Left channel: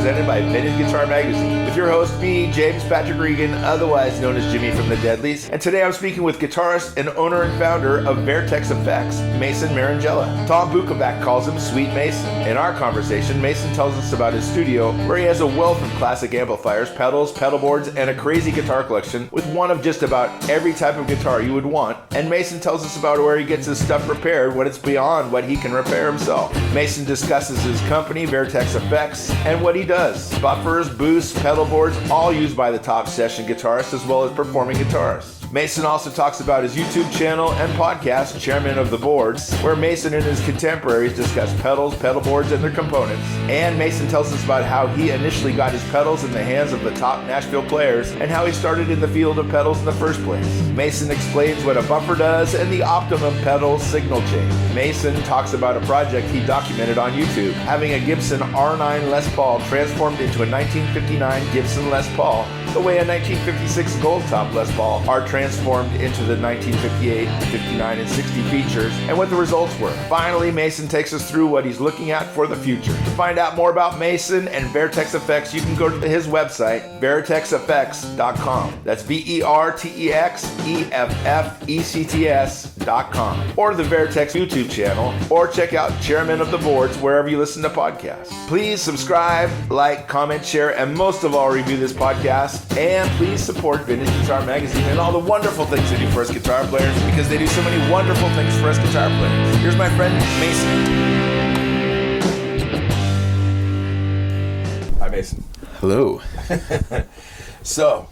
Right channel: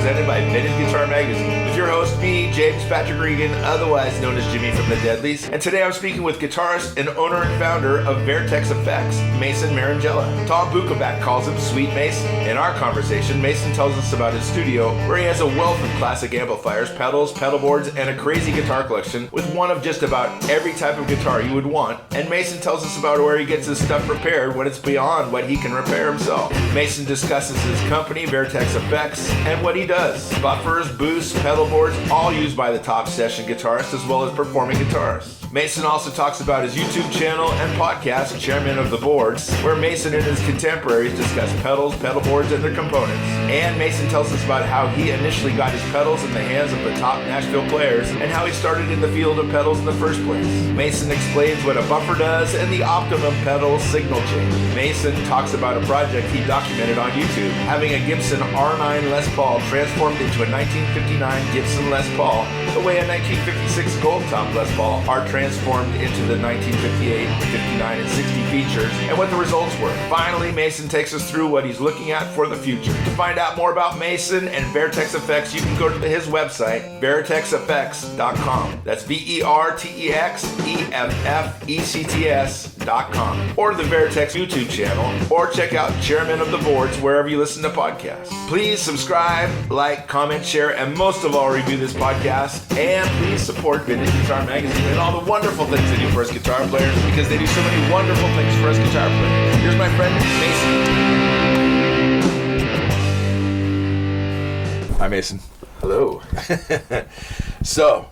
presented by Vintage Guitar Magazine, with your host, me, James Patrick Regan, otherwise known as Jimmy from the Deadlies. And today I'm speaking with guitarist and owner and founder of Vertex Effects, Mason Marangella. Tom Bukovac calls him Sweet Mason. In our conversation, Mason tells us about his studio, where he has a wealth of classic amplifiers, pedals, pedalboards, and a crazy guitar collection with one of just about every type of guitar you would want. And Mason tells us about where he gets his stuff repaired when it's beyond what he can repair himself. Mason discusses his company, Vertex Effects, and what he does. Buffers, boosts, pedal boards, all used by the top session guitarists as well as performing guitarists. Mason also talks about his YouTube channel and podcast, Chairmen of the Boards, where Mason and his contemporaries discuss pedals, pedal boards, and their components. And Mason tells us about how he initially got his pedals in the hands of the top Nashville players and how he started in the field of pedals in the first place. Mason explains what a buffer does and the optimum pedal signal change. Mason talks about a project he documented on YouTube, having a Gibson R9 Les Paul transformed into a 1959 Gibson Les Paul, the way a 1956 Gold Top Les Paul are transformed into the 1958, 59, and 60 features, and what the results were. Finally, Mason takes us through what he's looking at for the future. To find out more about Mason and Vertex Effects, you can go to his website, vertexeffects.com. That's VertexEffects.com. Or the Vertex YouTube channel, or check out Chairmen of the Boards wherever you listen to podcasts. Please subscribe, like, comment, share, and most of all, review this podcast. And please support Vintage Guitar Magazine and all the wonderful things they do for us guitar players, because they do so many wonderful things for us guitar players. Here's my friend Mason. Hi, Mason. Hello. So,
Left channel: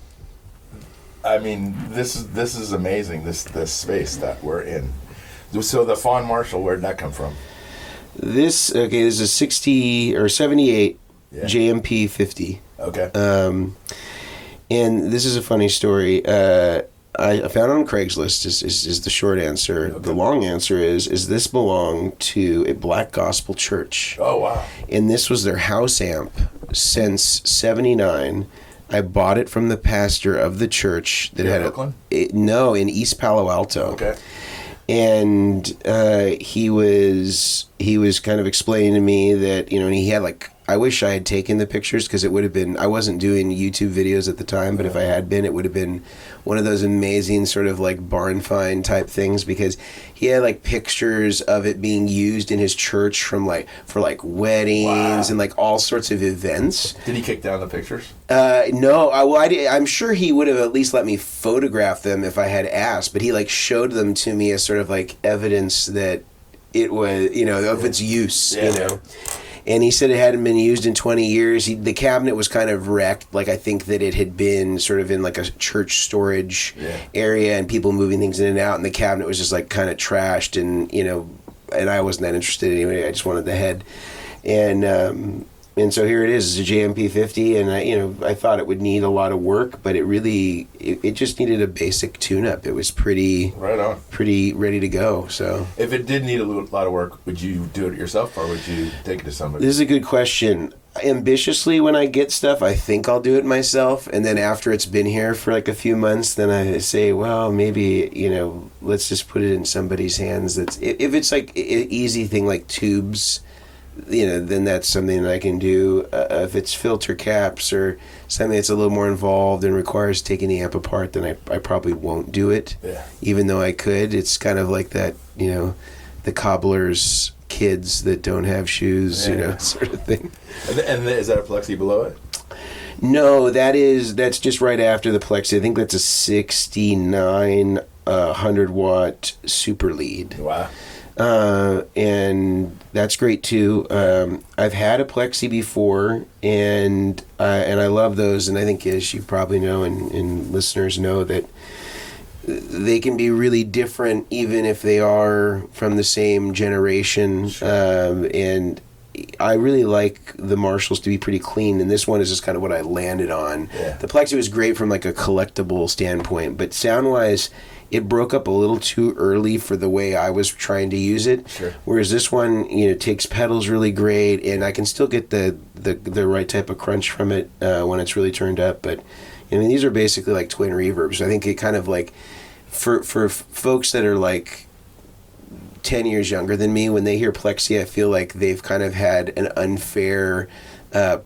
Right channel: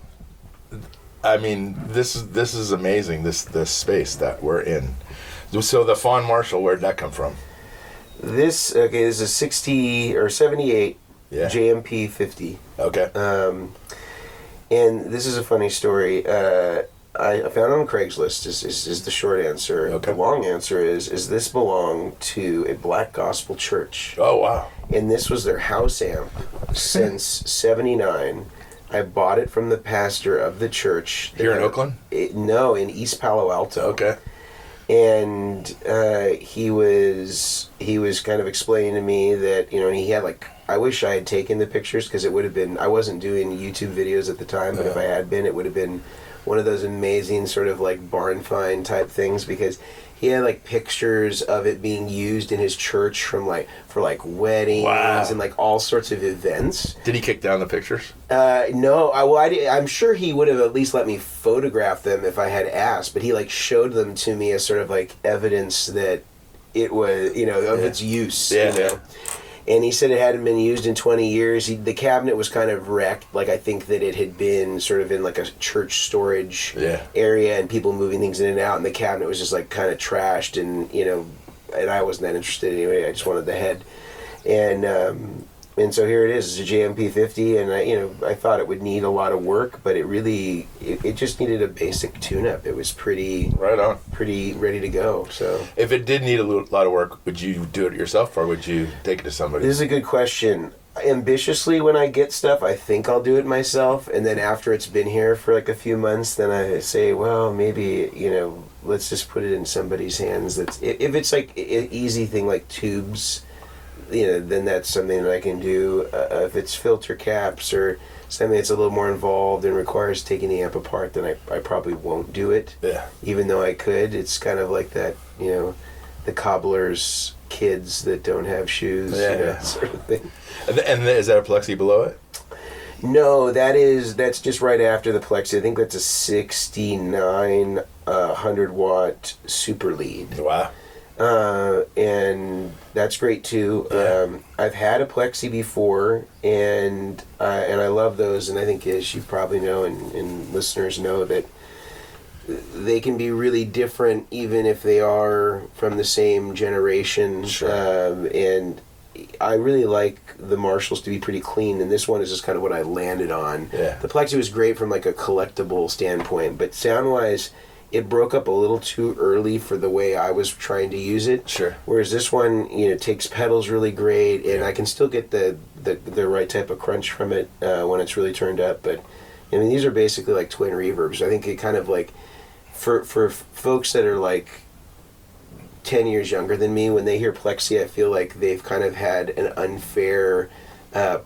I mean, this is amazing. This space that we're in. So the Fawn Marshall, where'd that come from? This is a 60 or 78 JMP 50. Okay. And this is a funny story. I found it on Craigslist is the short answer. Okay. The long answer is this belonged to a Black Gospel church. Oh, wow. And this was their house amp since 79. I bought it from the pastor of the church. Here in Oakland? No, in East Palo Alto. Okay. And he was kind of explaining to me that, and he had I wish I had taken the pictures, because it would have been, I wasn't doing YouTube videos at the time, but if I had been, it would have been one of those amazing sort of barn find type things, because he had pictures of it being used in his church for weddings and all sorts of events. Did he kick down the pictures? No, I'm sure he would have at least let me photograph them if I had asked, but he showed them to me as sort of evidence that it was, of its use, And he said it hadn't been used in 20 years. The cabinet was kind of wrecked. I think that it had been sort of in a church storage area and people moving things in and out. And the cabinet was just kind of trashed. And, and I wasn't that interested anyway. I just wanted the head. And so here it is. It's a JMP 50. And I thought it would need a lot of work, but it just needed a basic tune-up. It was pretty ready to go. So if it did need a lot of work, would you do it yourself or would you take it to somebody? This is a good question. Ambitiously, when I get stuff, I think I'll do it myself, and then after it's been here for a few months, then I say, well, maybe let's just put it in somebody's hands. If it's an easy thing like tubes, then that's something that I can do. If it's filter caps or something that's a little more involved and requires taking the amp apart, then I probably won't do it. Yeah. Even though I could. It's kind of like that, the cobbler's kids that don't have shoes, sort of thing. And is that a plexi below it? No, that's just right after the plexi. I think that's a 69 100 watt super lead. Wow. And that's great too. I've had a plexi before, and I love those. And I think, as you probably know, and listeners know, that they can be really different, even if they are from the same generation. Sure. And I really like the Marshalls to be pretty clean, and this one is just kind of what I landed on. Yeah. The plexi was great from a collectible standpoint, but sound-wise, it broke up a little too early for the way I was trying to use it. Sure. Whereas this one, takes pedals really great, and I can still get the right type of crunch from it when it's really turned up. But these are basically twin reverbs. I think it kind of for folks that are 10 years younger than me, when they hear plexi, I feel like they've kind of had an unfair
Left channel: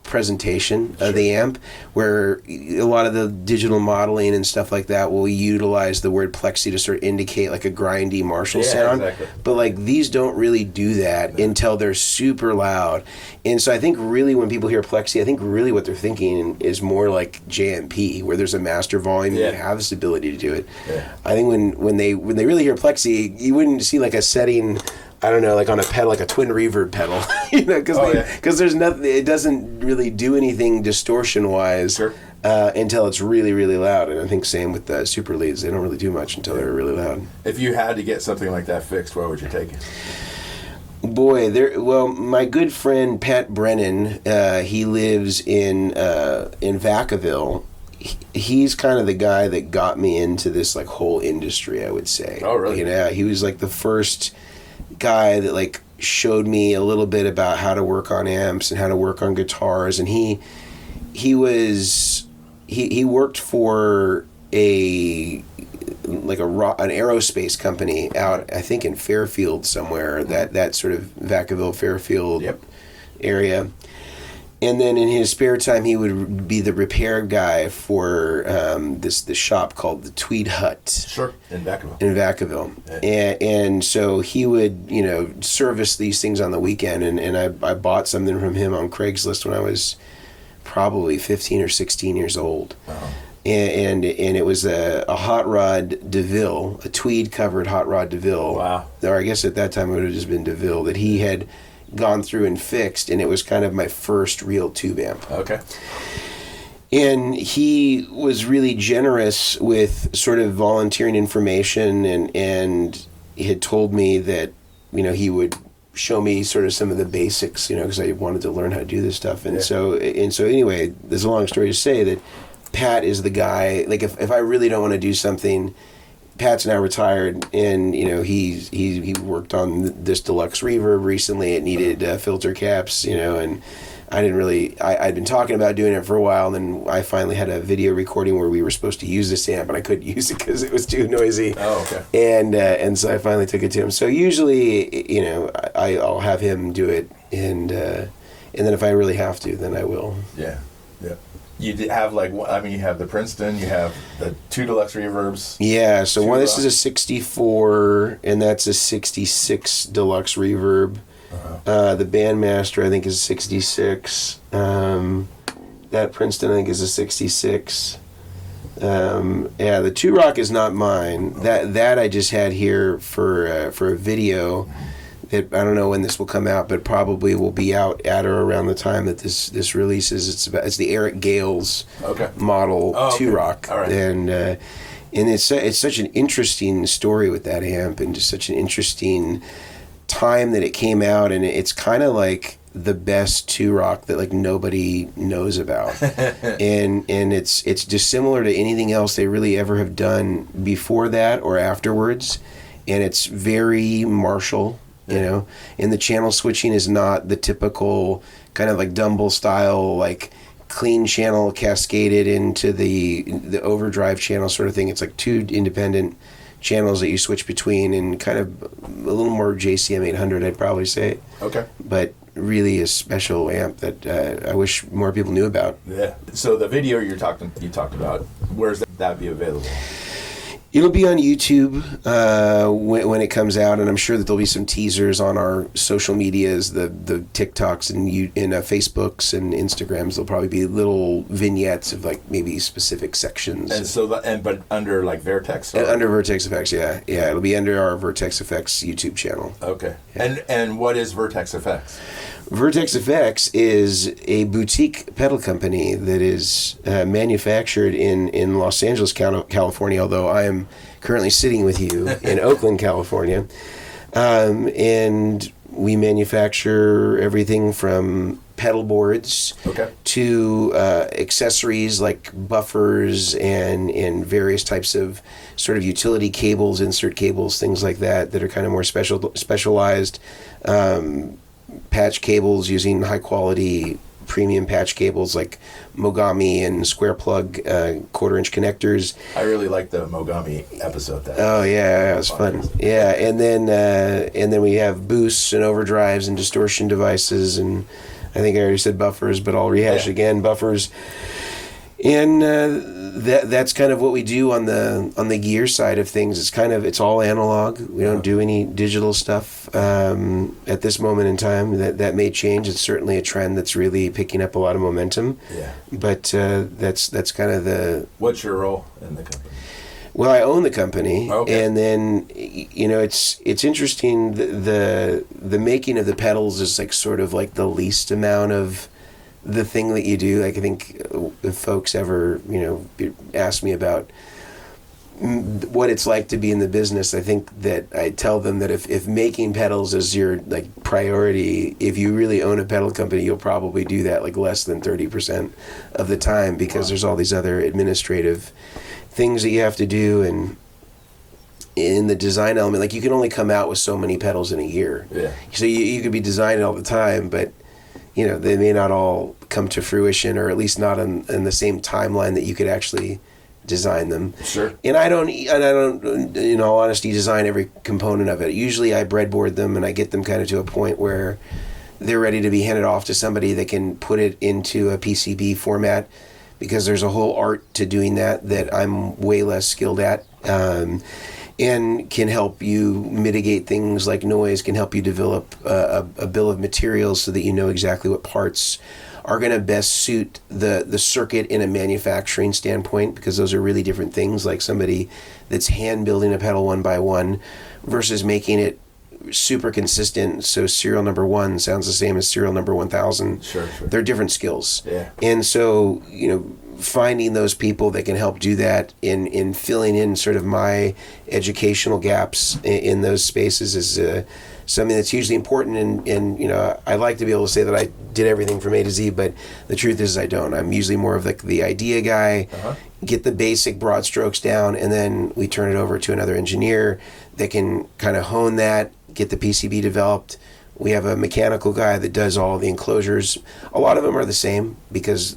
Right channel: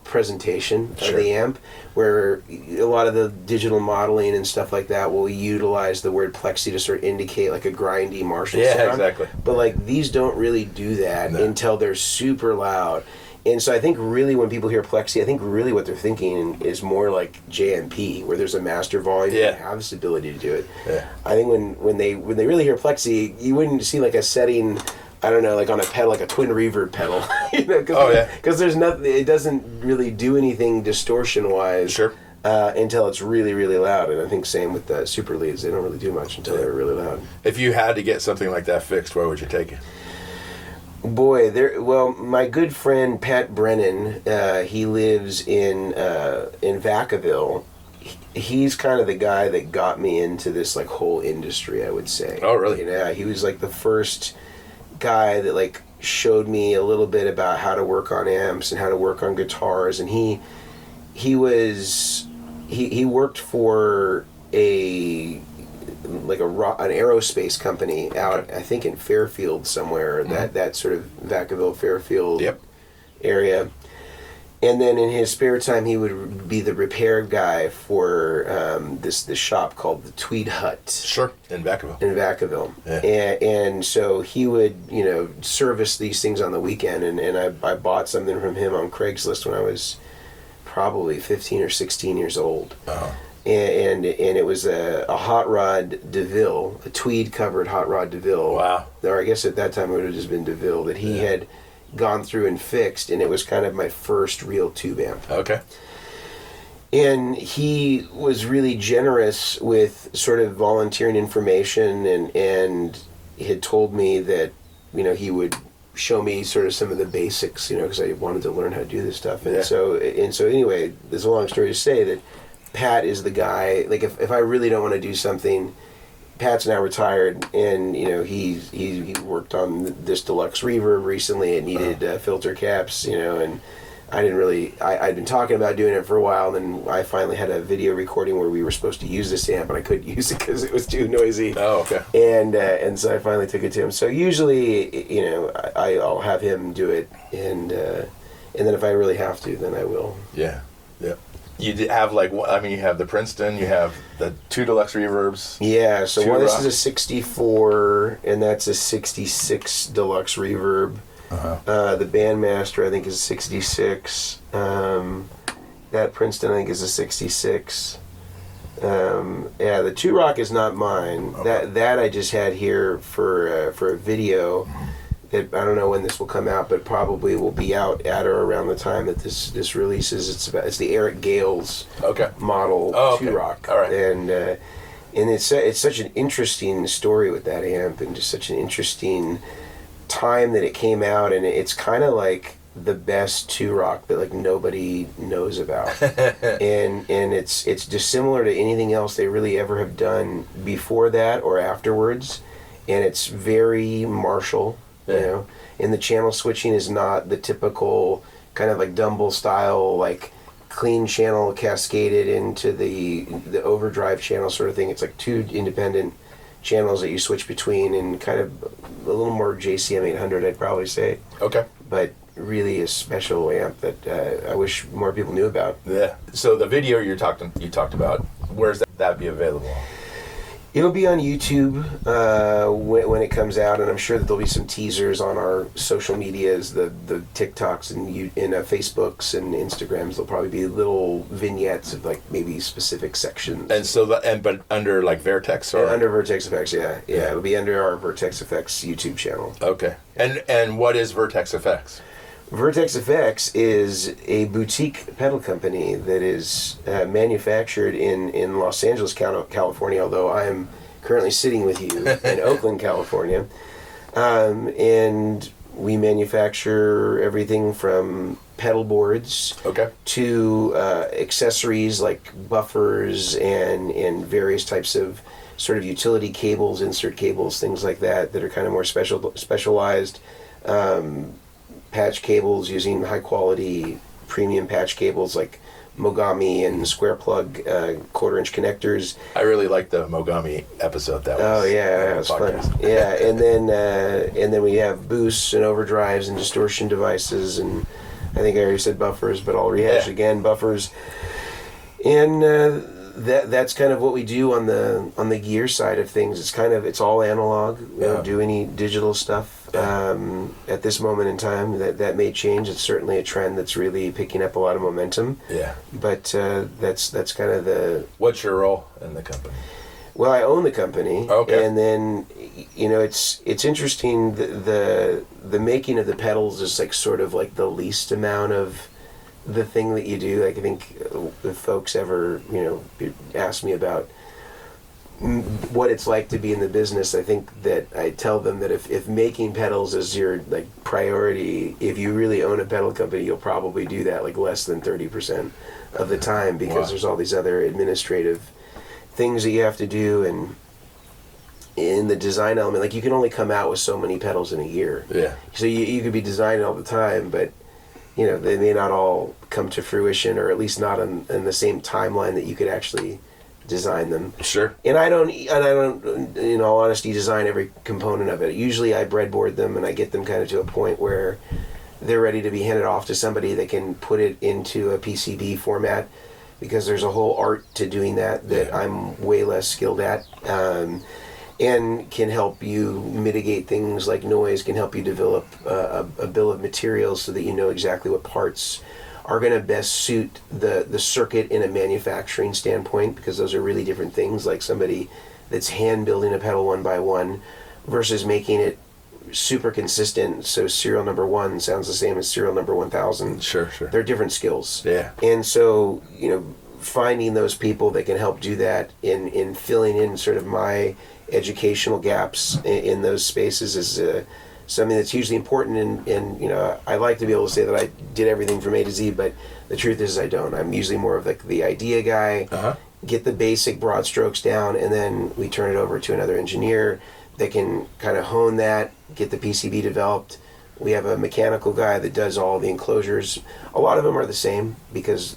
presentation of the amp, where a lot of the digital modeling and stuff like that will utilize the word plexi to sort of indicate like a grindy Marshall sound. Exactly. But like these don't really do that until they're super loud. And so I think really when people hear plexi, I think really what they're thinking is more like JMP, where there's a master volume and you have this ability to do it. Yeah. I think when they really hear plexi, you wouldn't see like a setting, I don't know, like on a pedal, like a twin reverb pedal, you know, because there's nothing, it doesn't really do anything distortion-wise until it's really, really loud. And I think same with the super leads, they don't really do much until they're really loud. If you had to get something like that fixed, where would you take it? Boy, my good friend Pat Brennan, he lives in Vacaville. He's kind of the guy that got me into this like whole industry, I would say. Oh, really? You know, he was like the first guy that like showed me a little bit about how to work on amps and how to work on guitars, and he worked for an aerospace company out, I think in Fairfield somewhere, that sort of Vacaville Fairfield area. And then in his spare time, he would be the repair guy for this shop called the Tweed Hut. Sure, in Vacaville. Yeah. And so he would, you know, service these things on the weekend. And I bought something from him on Craigslist when I was probably 15 or 16 years old. Oh. And it was a hot rod DeVille, a tweed covered hot rod DeVille. Wow. Or I guess at that time it would have just been DeVille that he had gone through and fixed, and it was kind of my first real tube amp. Okay. And he was really generous with sort of volunteering information, and he had told me that, you know, he would show me sort of some of the basics, you know, because I wanted to learn how to do this stuff. And so anyway, there's a long story to say that Pat is the guy, like if I really don't want to do something, Pat's now retired, and you know he worked on this deluxe reverb recently. It needed filter caps, you know, and I didn't really. I'd been talking about doing it for a while, and then I finally had a video recording where we were supposed to use this amp, and I couldn't use it because it was too noisy. Oh, okay. And so I finally took it to him. So usually, you know, I'll have him do it, and then if I really have to, then I will. Yeah. You have you have the Princeton, you have the two deluxe reverbs. Yeah, so this is a 64, and that's a 66 deluxe reverb. Uh-huh. The Bandmaster, I think, is 66. That Princeton, I think, is a 66. The Two Rock is not mine. Okay. That I just had here for a video. I don't know when this will come out, but probably will be out at or around the time that this releases. It's the Eric Gales model Two Rock, all right. And it's such an interesting story with that amp, and just such an interesting time that it came out, and it's kind of like the best Two Rock that like nobody knows about, and it's dissimilar to anything else they really ever have done before that or afterwards, and it's very Marshall. You know, and the channel switching is not the typical kind of like Dumble style, like clean channel cascaded into the overdrive channel sort of thing. It's like two independent channels that you switch between, and kind of a little more JCM 800, I'd probably say. Okay. But really a special amp that I wish more people knew about. Yeah. So the video you talked about, where's that be available? It'll be on YouTube when it comes out, and I'm sure that there'll be some teasers on our social medias, the TikToks and Facebooks and Instagrams. There'll probably be little vignettes of like maybe specific sections. And so but under like Vertex or under Vertex Effects, yeah. It'll be under our Vertex Effects YouTube channel. Okay. Yeah. And what is Vertex Effects? Vertex Effects is a boutique pedal company that is manufactured in Los Angeles, California, although I am currently sitting with you in Oakland, California. And we manufacture everything from pedal boards to accessories like buffers and various types of sort of utility cables, insert cables, things like that are kind of more specialized. Patch cables using high quality premium patch cables like Mogami and square plug 1/4-inch connectors. I really liked the Mogami episode. That was fun. Yeah, and then we have boosts and overdrives and distortion devices and I think I already said buffers, but I'll rehash again. Buffers. And that's kind of what we do on the gear side of things. It's all analog. We don't do any digital stuff at this moment in time. That may change. It's certainly a trend that's really picking up a lot of momentum. Yeah. But that's kind of the. What's your role in the company? Well, I own the company, okay. And then it's interesting. The making of the pedals is like sort of like the least amount of the thing that you do. Like I think if folks ever ask me about what it's like to be in the business, I think that I tell them that if making pedals is your like priority, if you really own a pedal company, you'll probably do that like less than 30% of the time, because there's all these other administrative things that you have to do, and in the design element, like you can only come out with so many pedals in a year. Yeah. So you could be designing all the time, but they may not all come to fruition, or at least not in the same timeline that you could actually design them. Sure. And I don't, in all honesty, design every component of it. Usually I breadboard them and I get them kind of to a point where they're ready to be handed off to somebody that can put it into a PCB format, because there's a whole art to doing that I'm way less skilled at. And can help you mitigate things like noise, can help you develop a bill of materials so that you know exactly what parts are going to best suit the circuit in a manufacturing standpoint, because those are really different things. Like somebody that's hand building a pedal one by one versus making it super consistent, so serial number 1 sounds the same as serial number 1000. Sure. They're different skills. Yeah. And so, finding those people that can help do that in filling in sort of my educational gaps in those spaces is something that's hugely important. And I like to be able to say that I did everything from A to Z, but the truth is I don't. I'm usually more of the idea guy, get the basic broad strokes down, and then we turn it over to another engineer that can kind of hone that, get the PCB developed. We have a mechanical guy that does all the enclosures. A lot of them are the same, because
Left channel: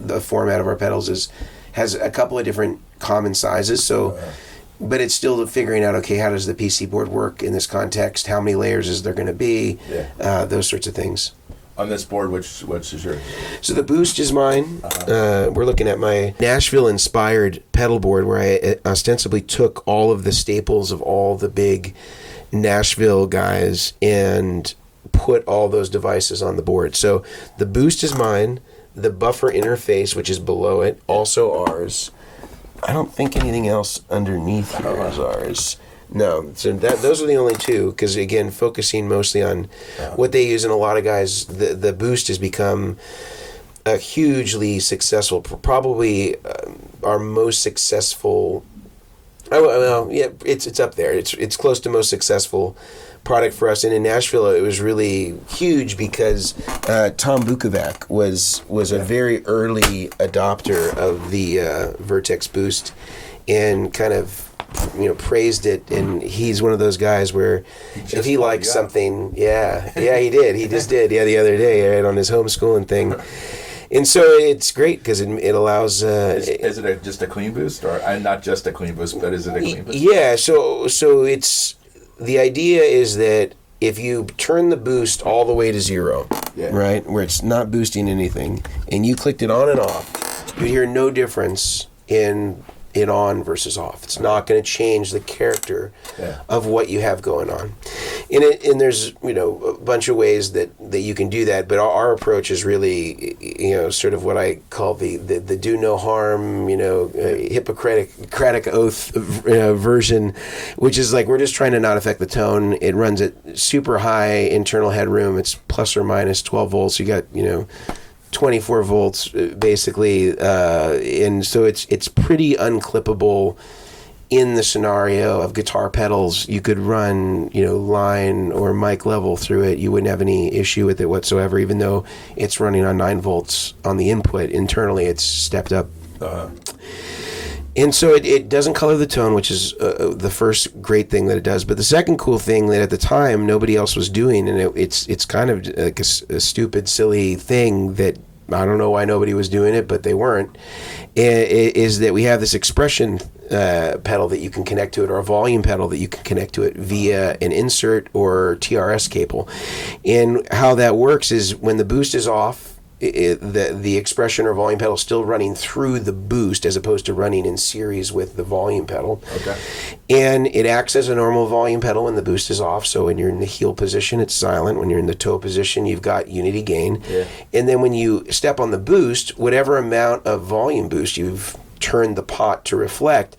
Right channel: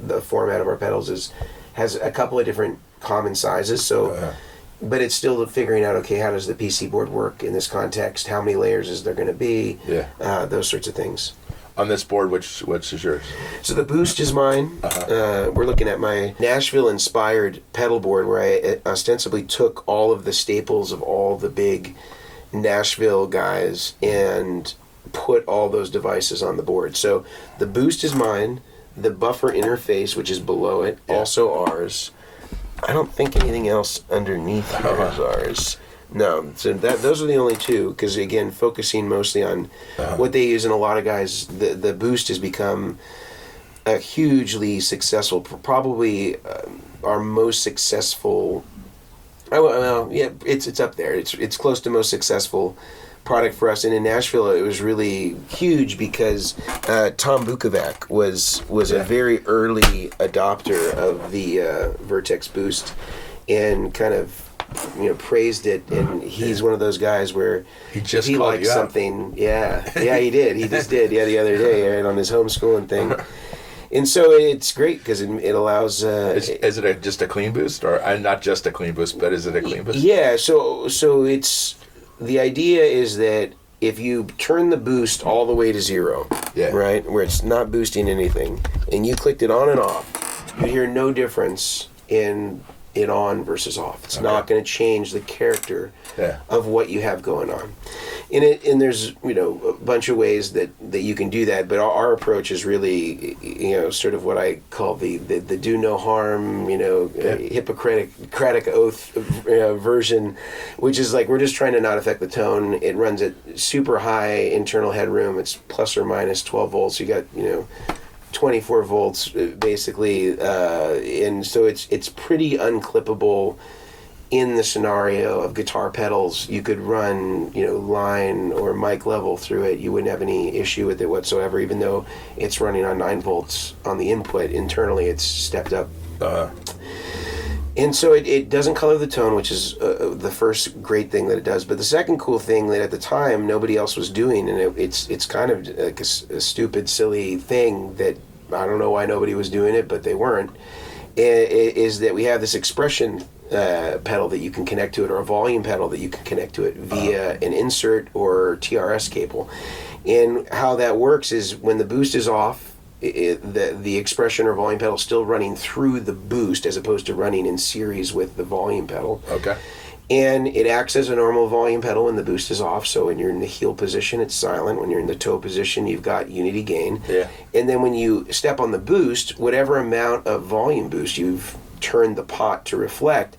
the format of our pedals has a couple of different common sizes. So, but it's still figuring out, okay, how does the PC board work in this context? How many layers is there going to be? Yeah. Those sorts of things. On this board, which is yours? So the Boost is mine. We're looking at my Nashville-inspired pedal board, where I ostensibly took all of the staples of all the big Nashville guys and put all those devices on the board. So the Boost is mine. The buffer interface, which is below it, also ours. I don't think anything else underneath here is ours. No, so those are the only two, because again, focusing mostly on what they use, and a lot of guys, the Boost has become a hugely successful, probably our most successful. Well, yeah, it's up there. It's close to most successful product for us. And in Nashville, it was really huge because Tom Bukovac was a very early adopter of the Vertex Boost, and kind of praised it. And he's one of those guys where if he likes something, he did. He just did. The other day, right, on his homeschooling thing. And so it's great because it allows. Is it just a clean boost, or not just a clean boost, but is it a clean boost? Yeah. So it's. The idea is that if you turn the boost all the way to 0, right, where it's not boosting anything, and you clicked it on and off, you'd hear no difference in it on versus off. It's not going to change the character of what you have going on. And there's a bunch of ways that you can do that, but our approach is really sort of what I call the do no harm, Hippocratic oath version, which is like we're just trying to not affect the tone. It runs at super high internal headroom. It's plus or minus 12 volts. You got 24 volts basically, and so it's pretty unclippable in the scenario of guitar pedals. You could run line or mic level through it. You wouldn't have any issue with it whatsoever, even though it's running on 9 volts on the input. Internally it's stepped up. And so it doesn't color the tone, which is the first great thing that it does. But the second cool thing that at the time nobody else was doing, and it's kind of like a stupid, silly thing that I don't know why nobody was doing it, but they weren't, is that we have this expression pedal that you can connect to it, or a volume pedal that you can connect to it via an insert or TRS cable. And how that works is when the boost is off, the expression or volume pedal is still running through the boost as opposed to running in series with the volume pedal. Okay. And it acts as a normal volume pedal when the boost is off. So when you're in the heel position, it's silent. When you're in the toe position, you've got unity gain. Yeah. And then when you step on the boost, whatever amount of volume boost you've turned the pot to reflect,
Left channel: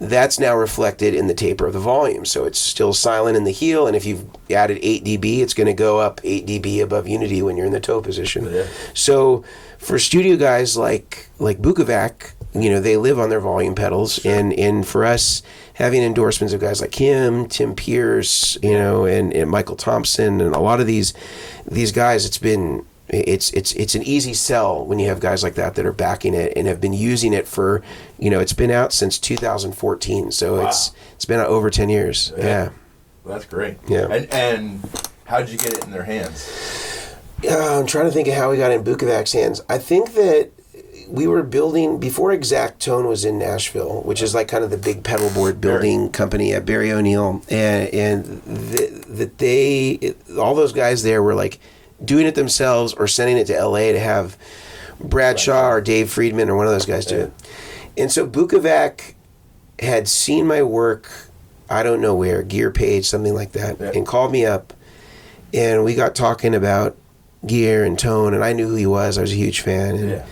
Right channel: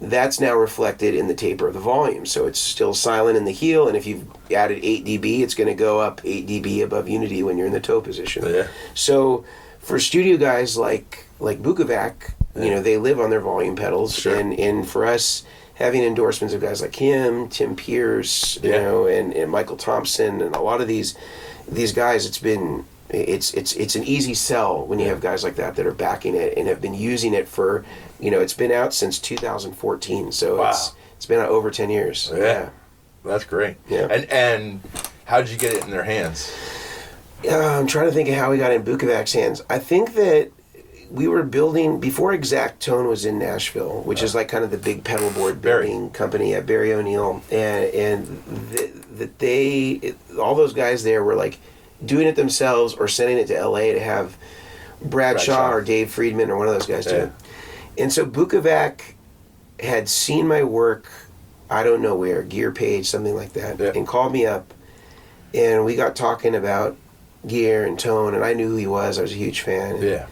that's now reflected in the taper of the volume. So it's still silent in the heel, and if you've added 8 dB, it's going to go up 8 dB above unity when you're in the toe position. Yeah. So for studio guys like Bukovac, they live on their volume pedals, Sure. and for us, having endorsements of guys like him, Tim Pierce, and Michael Thompson, and a lot of these guys, it's an easy sell when you have guys like that are backing it and have been using it for, it's been out since 2014, so Wow. it's been out over 10 years. Yeah. That's great. Yeah. And how did you get it in their hands? I'm trying to think of how we got in Bukovac's hands. I think that we were building before Exact Tone was in Nashville, which is like kind of the big pedalboard building company at Barry O'Neill, and all those guys there were like doing it themselves or sending it to LA to have Bradshaw or Dave Friedman or one of those guys do it. And so Bukovac had seen my work, I don't know where, Gear Page, something like that, and called me up, and we got talking about gear and tone, and I knew who he was. I was a huge fan.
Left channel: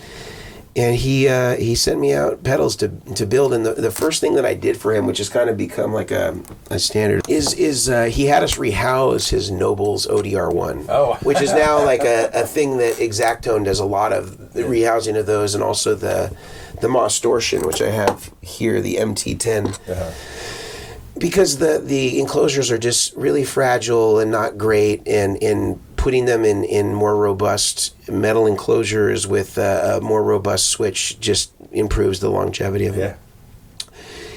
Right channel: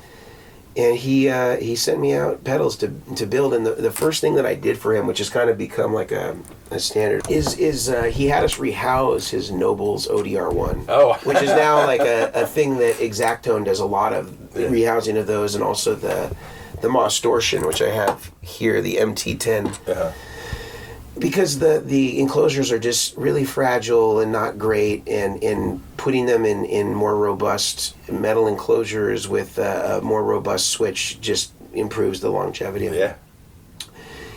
And he sent me out pedals to build, and the first thing that I did for him, which has kind of become like a standard, is he had us rehouse his Nobles ODR1, which is now like a thing that Exactone does a lot of, rehousing of those, and also the Mostortion, which I have here, the MT10. Because the enclosures are just really fragile and not great, and putting them in more robust metal enclosures with a more robust switch just improves the longevity of it.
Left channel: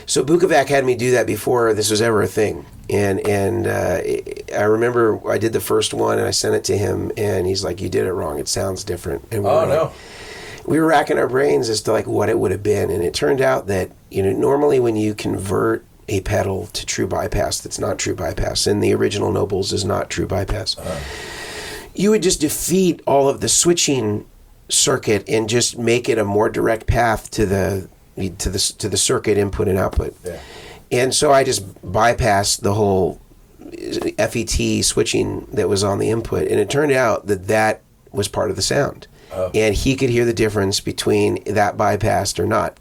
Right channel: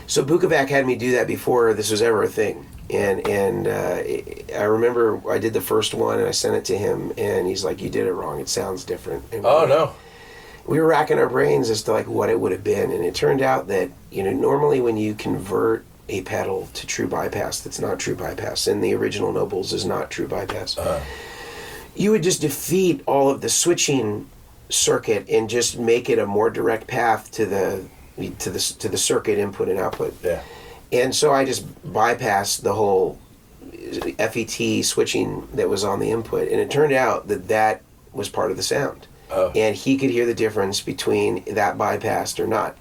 So Bukovac had me do that before this was ever a thing. And I remember I did the first one and I sent it to him, and he's like, "You did it wrong. It sounds different." And we were racking our brains as to like what it would have been, and it turned out that normally when you convert a pedal to true bypass that's not true bypass, and the original Nobles is not true bypass, you would just defeat all of the switching circuit and just make it a more direct path to the circuit input and output. And so I just bypassed the whole FET switching that was on the input, and it turned out that was part of the sound. And he could hear the difference between that bypassed or not.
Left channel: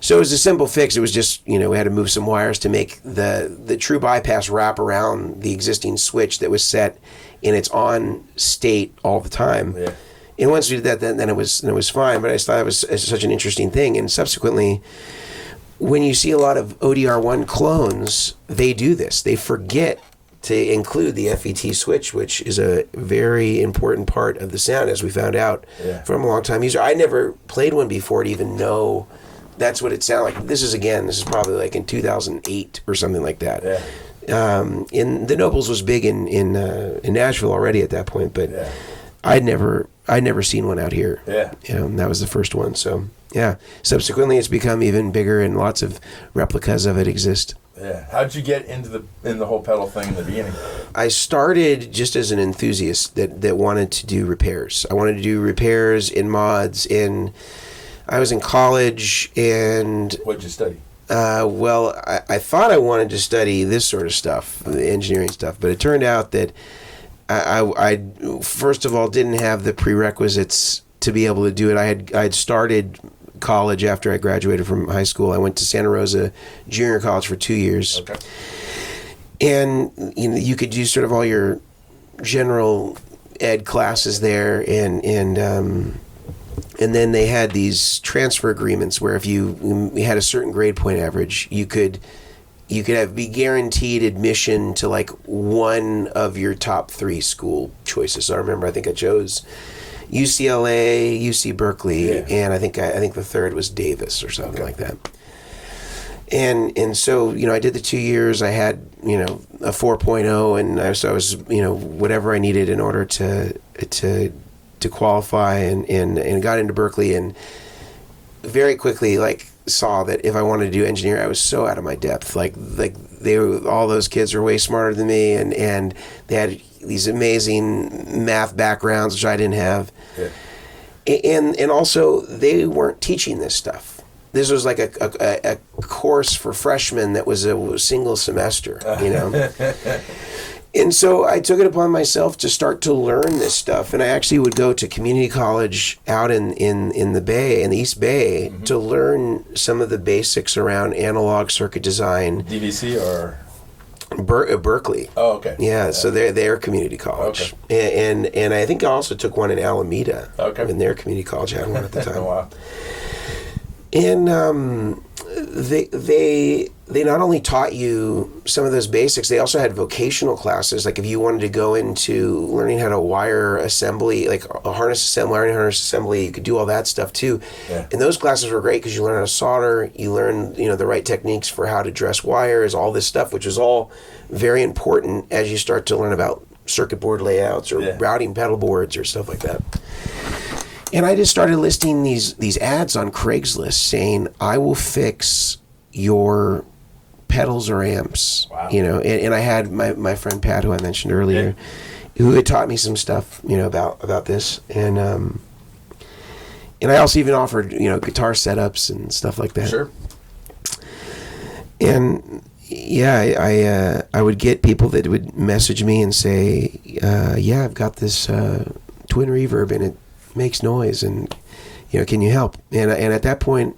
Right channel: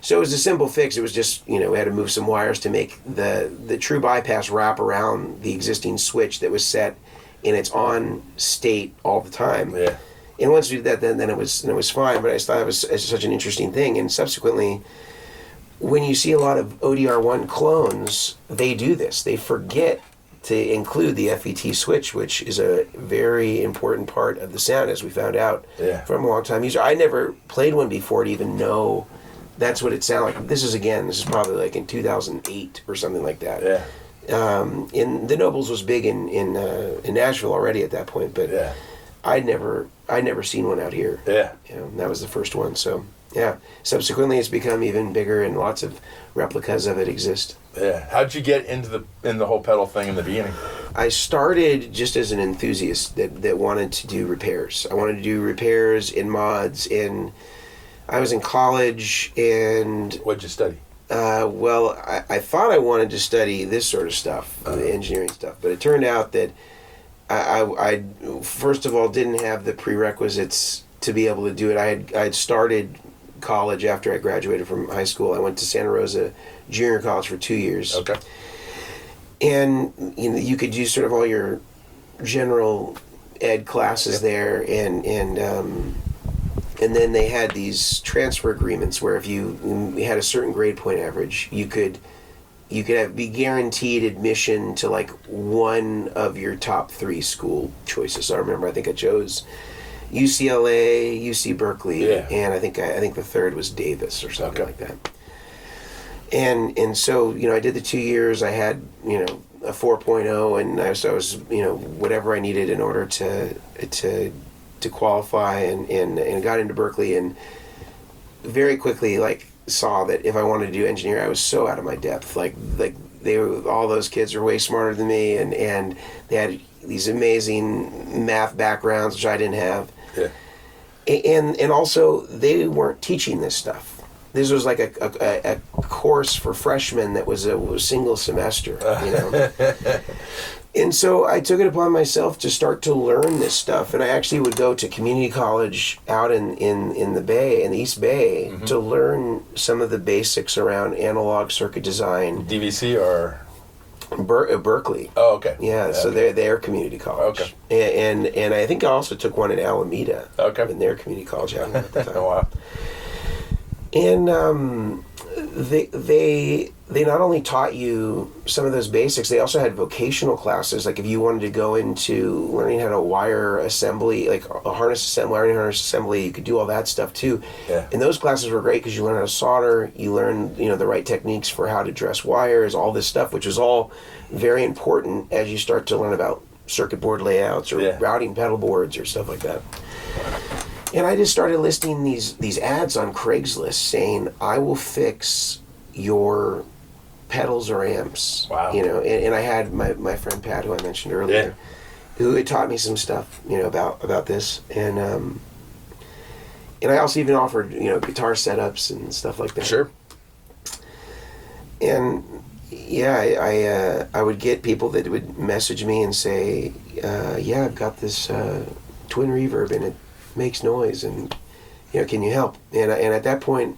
So it was a simple fix. It was just, we had to move some wires to make the true bypass wrap around the existing switch that was set in its on state all the time. And once we did that, then it was fine. But I just thought it was such an interesting thing. And subsequently, when you see a lot of ODR1 clones, they do this. They forget to include the FET switch, which is a very important part of the sound, as we found out from a long time user. I never played one before to even know that's what it sounded like. This is probably like in 2008 or something like that. And the Nobles was big in Nashville already at that point, but I'd never seen one out here. That was the first one. So subsequently it's become even bigger, and lots of replicas of it exist. How'd you get in the whole pedal thing in the beginning? I started just as an enthusiast that wanted to do repairs. I wanted to do repairs in mods. I was in college, and What'd you study? I thought I wanted to study this sort of stuff, the engineering stuff, but it turned out that I first of all didn't have the prerequisites to be able to do it. I had started college after I graduated from high school. I went to Santa Rosa Junior College for 2 years. And you could do sort of all your general ed classes there, and then they had these transfer agreements where if you had a certain grade point average, you could be guaranteed admission to like one of your top 3 school choices. So I think I chose UCLA, UC Berkeley, and I think the third was Davis or something like that. And so I did the 2 years. I had a 4.0, and so I was whatever I needed in order to to qualify and got into Berkeley, and very quickly like saw that if I wanted to do engineering, I was so out of my depth. Like all those kids were way smarter than me, and they had these amazing math backgrounds which I didn't have. Yeah. And also they weren't teaching this stuff. This was like a course for freshmen that was a single semester, you know. And so I took it upon myself to start to learn this stuff, and I actually would go to community college out in the Bay, in the East Bay, to learn some of the basics around analog circuit design. DVC or Berkeley. Oh, okay. Yeah, so they're community college. Okay. And I think I also took one in Alameda. Okay. In their community college, I had one at the time. Oh, wow. And they not only taught you some of those basics, they also had vocational classes. Like if you wanted to go into learning how to wire assembly, like a harness assembly, wiring harness assembly, you could do all that stuff too. Yeah. And those classes were great because you learn how to solder, you learn the right techniques for how to dress wires, all this stuff, which is all very important as you start to learn about circuit board layouts or routing pedal boards or stuff like that. And I just started listing these ads on Craigslist saying, I will fix your pedals or amps. Wow. And I had my friend Pat, who I mentioned earlier, who had taught me some stuff, about this. And I also even offered, guitar setups and stuff like that. Sure. And I would get people that would message me and say, I've got this twin reverb and it makes noise, and can you help? And at that point,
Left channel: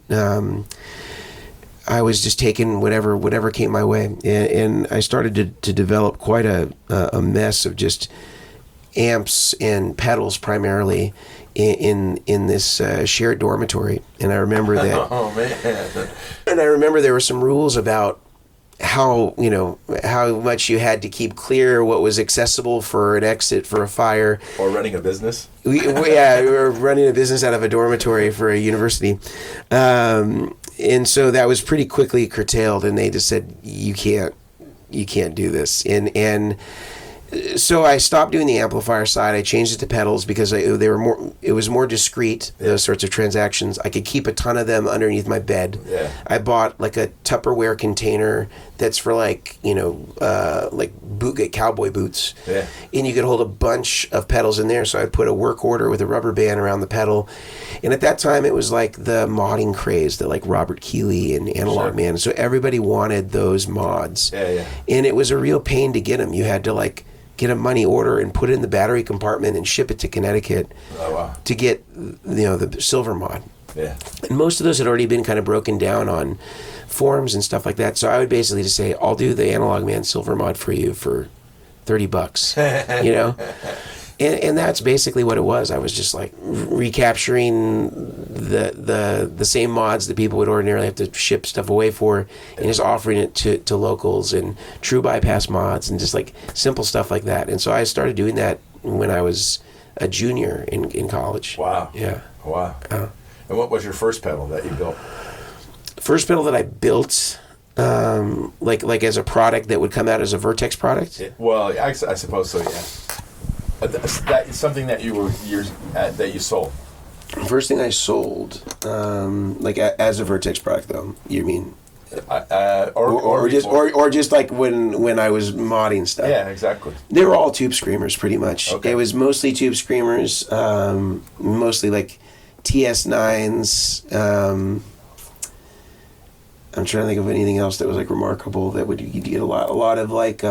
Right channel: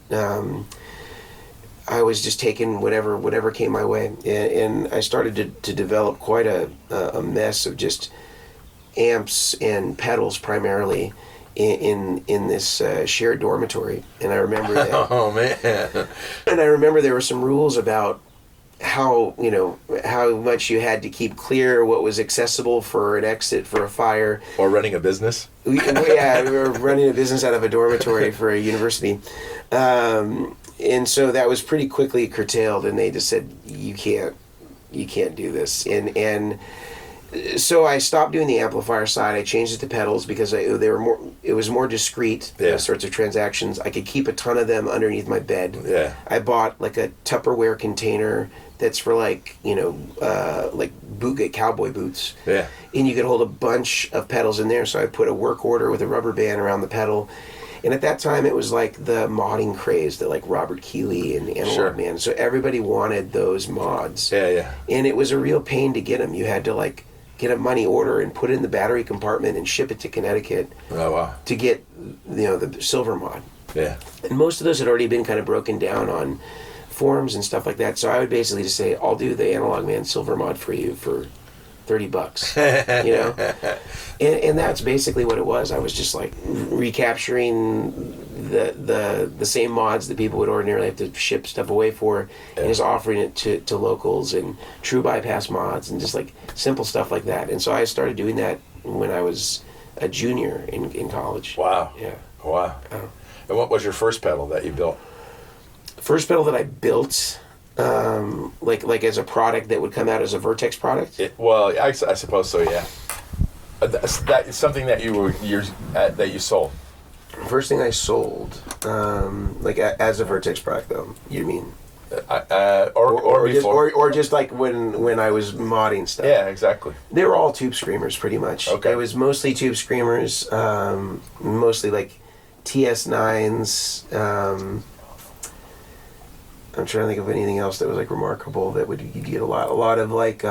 I was just taking whatever came my way, and I started to develop quite a mess of just amps and pedals primarily in this shared dormitory. And I remember that. Oh man! And I remember there were some rules about how much you had to keep clear, what was accessible for an exit for a fire, or running a business. We were running a business out of a dormitory for a university, and so that was pretty quickly curtailed, and they just said you can't do this, and so I stopped doing the amplifier side. I changed it to pedals because it was more discreet, those sorts of transactions. I could keep a ton of them underneath my bed. Yeah. I bought like a Tupperware container that's for like cowboy boots. Yeah. And you could hold a bunch of pedals in there. So I put a work order with a rubber band around the pedal. And at that time it was like the modding craze, the like Robert Keeley and Analog Man. So everybody wanted those mods. Yeah, yeah. And it was a real pain to get them. You had to like get a money order and put it in the battery compartment and ship it to Connecticut to get the silver mod. Yeah. And most of those had already been kind of broken down on forums and stuff like that. So I would basically just say, I'll do the Analog Man silver mod for you for $30, And that's basically what it was. I was just like recapturing the same mods that people would ordinarily have to ship stuff away for, and just offering it to locals and true bypass mods and just like simple stuff like that. And so I started doing that when I was a junior in college. Wow. Yeah. Wow. And what was your first pedal that you built? First pedal that I built, like as a product that would come out as a Vertex product? I suppose so, yeah. That's something that that you sold. First thing I sold, as a Vertex product, though. You mean? Or just like when I was modding stuff. Yeah, exactly. They were all Tube Screamers, pretty much. Okay. It was mostly Tube Screamers, mostly like TS9s. I'm trying to think of anything else that was like remarkable that you'd get a lot of like.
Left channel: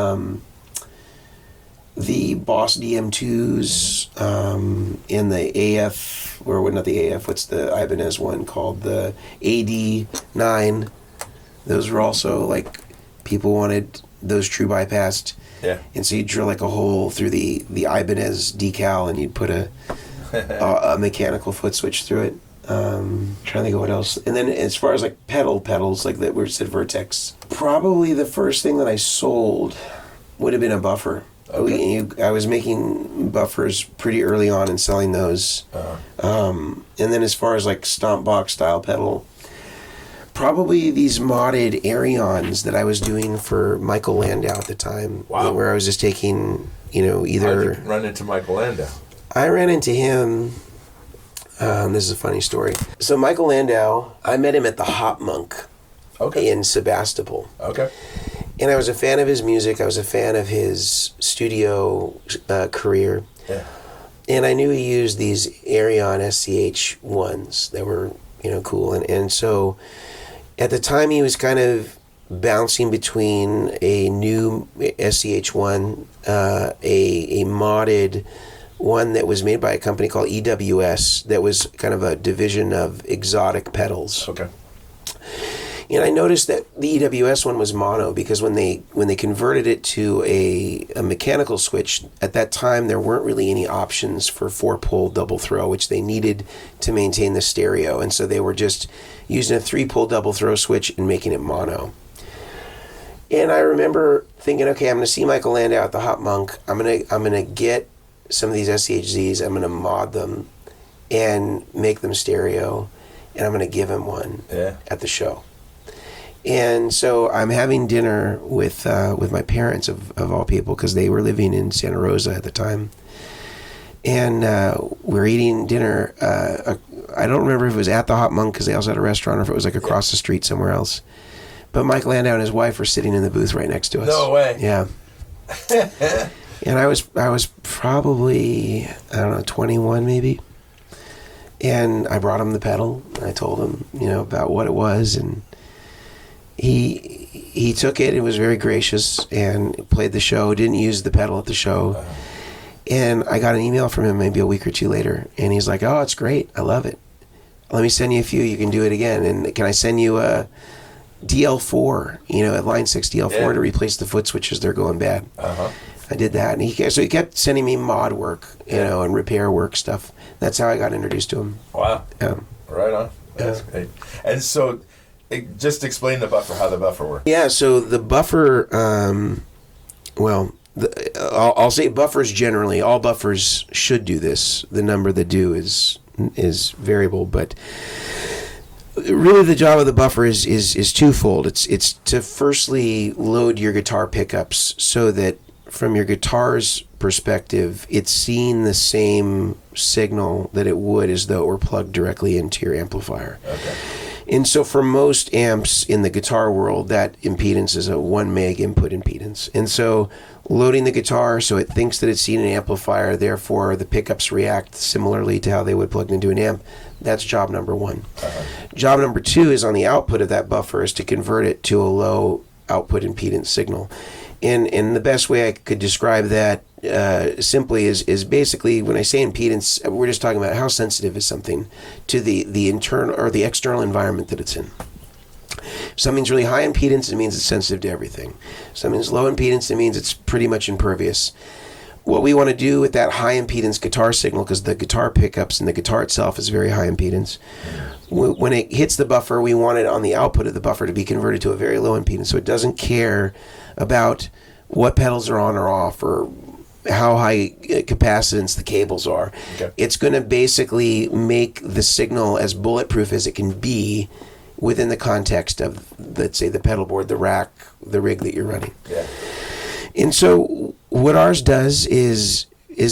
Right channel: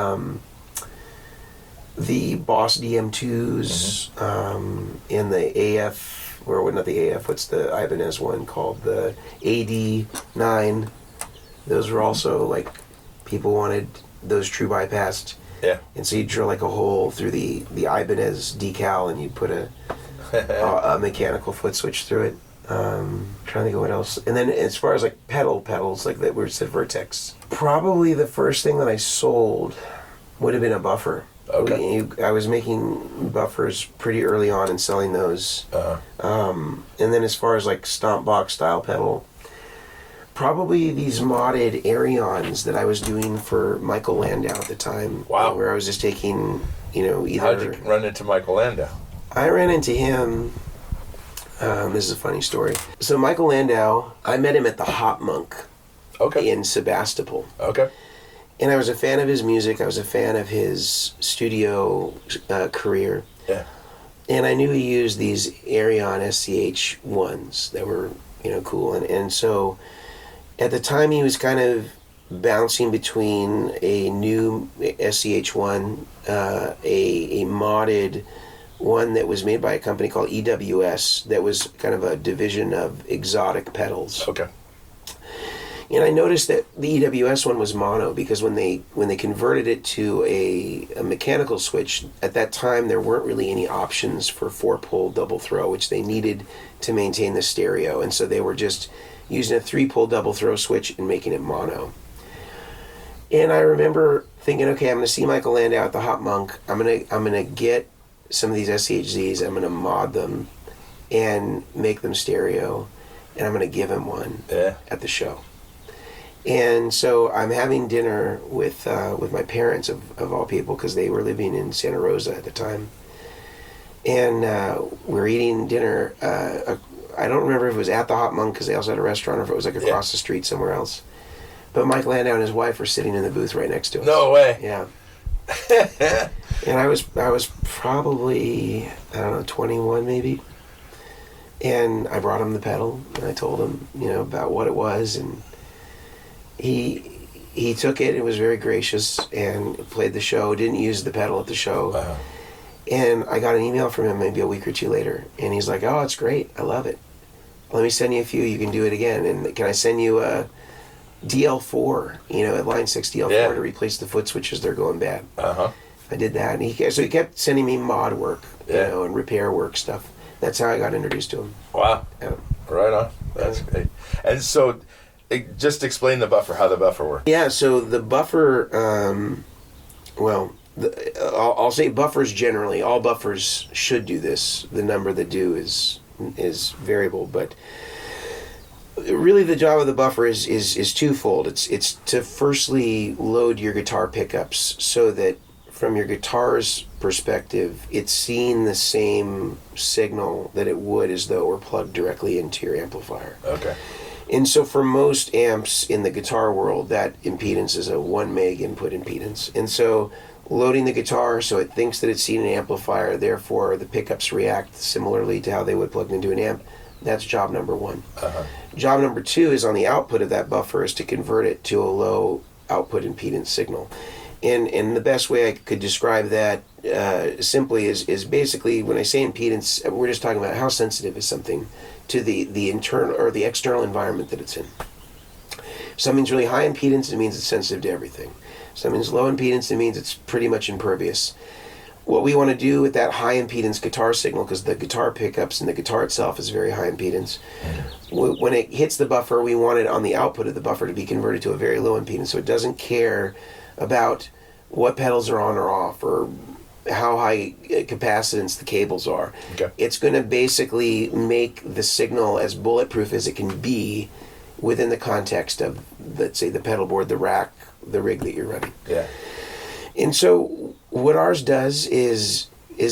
The Boss DM2s, and the AF, or not the AF, what's the Ibanez one called? The AD9. Those were also like, people wanted those true bypassed. Yeah. And so you drill like a hole through the Ibanez decal and you'd put a mechanical foot switch through it. Trying to think of what else. And then as far as like pedals, like that were said Vertex, probably the first thing that I sold would have been a buffer. Okay. I was making buffers pretty early on and selling those. And then as far as like stomp box style pedal, probably these modded Arions that I was doing for Michael Landau at the time. Wow. Where I was just taking, either... How did you run into Michael Landau? I ran into him. This is a funny story. So Michael Landau, I met him at the Hop Monk in Sebastopol. Okay. And I was a fan of his music. I was a fan of his studio career. Yeah. And I knew he used these Arion SCH-1s that were, cool. And so at the time he was kind of bouncing between a new SCH-1, a modded one that was made by a company called EWS that was kind of a division of Exotic Pedals. Okay. And I noticed that the EWS one was mono because when they converted it to a mechanical switch, at that time there weren't really any options for 4-pole double throw, which they needed to maintain the stereo. And so they were just using a 3-pole double throw switch and making it mono. And I remember thinking, okay, I'm going to see Michael Landau at the Hop Monk. I'm gonna get some of these SCHZs. I'm going to mod them and make them stereo, and I'm going to give him one at the show. And so I'm having dinner with my parents of all people because they were living in Santa Rosa at the time, and we're eating dinner. I don't remember if it was at the Hop Monk because they also had a restaurant, or if it was like across the street somewhere else. But Mike Landau and his wife were sitting in the booth right next to us. No way. Yeah. And I was probably, I don't know, 21 maybe. And I brought him the pedal, and I told him, about what it was, and he took it and was very gracious and played the show, didn't use the pedal at the show. Wow. And I got an email from him maybe a week or two later, and he's like, oh, it's great. I love it. Let me send you a few. You can do it again. And can I send you a DL4, at line 6 DL4 to replace the foot switches? They're going bad. Uh-huh. I did that, and he kept sending me mod work, and repair work stuff. That's how I got introduced to him. Wow. Right on. That's great. And so, just explain the buffer, how the buffer works. Yeah, so the buffer, I'll say buffers generally. All buffers should do this. The number that do is variable, but really the job of the buffer is twofold. It's to firstly load your guitar pickups so that from your guitar's perspective, it's seeing the same signal that it would as though it were plugged directly into your amplifier. Okay. And so for most amps in the guitar world, that impedance is a 1 meg input impedance. And so loading the guitar so it thinks that it's seeing an amplifier, therefore the pickups react similarly to how they would plug into an amp, that's job number one. Uh-huh. Job number two is on the output of that buffer is to convert it to a low output impedance signal. And the best way I could describe that simply is basically, when I say impedance, we're just talking about how sensitive is something to the internal or the external environment that it's in. If something's really high impedance, it means it's sensitive to everything. If something's low impedance, it means it's pretty much impervious. What we want to do with that high impedance guitar signal, because the guitar pickups and the guitar itself is very high impedance, when it hits the buffer, we want it on the output of the buffer to be converted to a very low impedance, so it doesn't care about what pedals are on or off or how high capacitance the cables are. Okay. It's going to basically make the signal as bulletproof as it can be within the context of, let's say, the pedal board, the rack, the rig that you're running. Yeah. And so what ours does is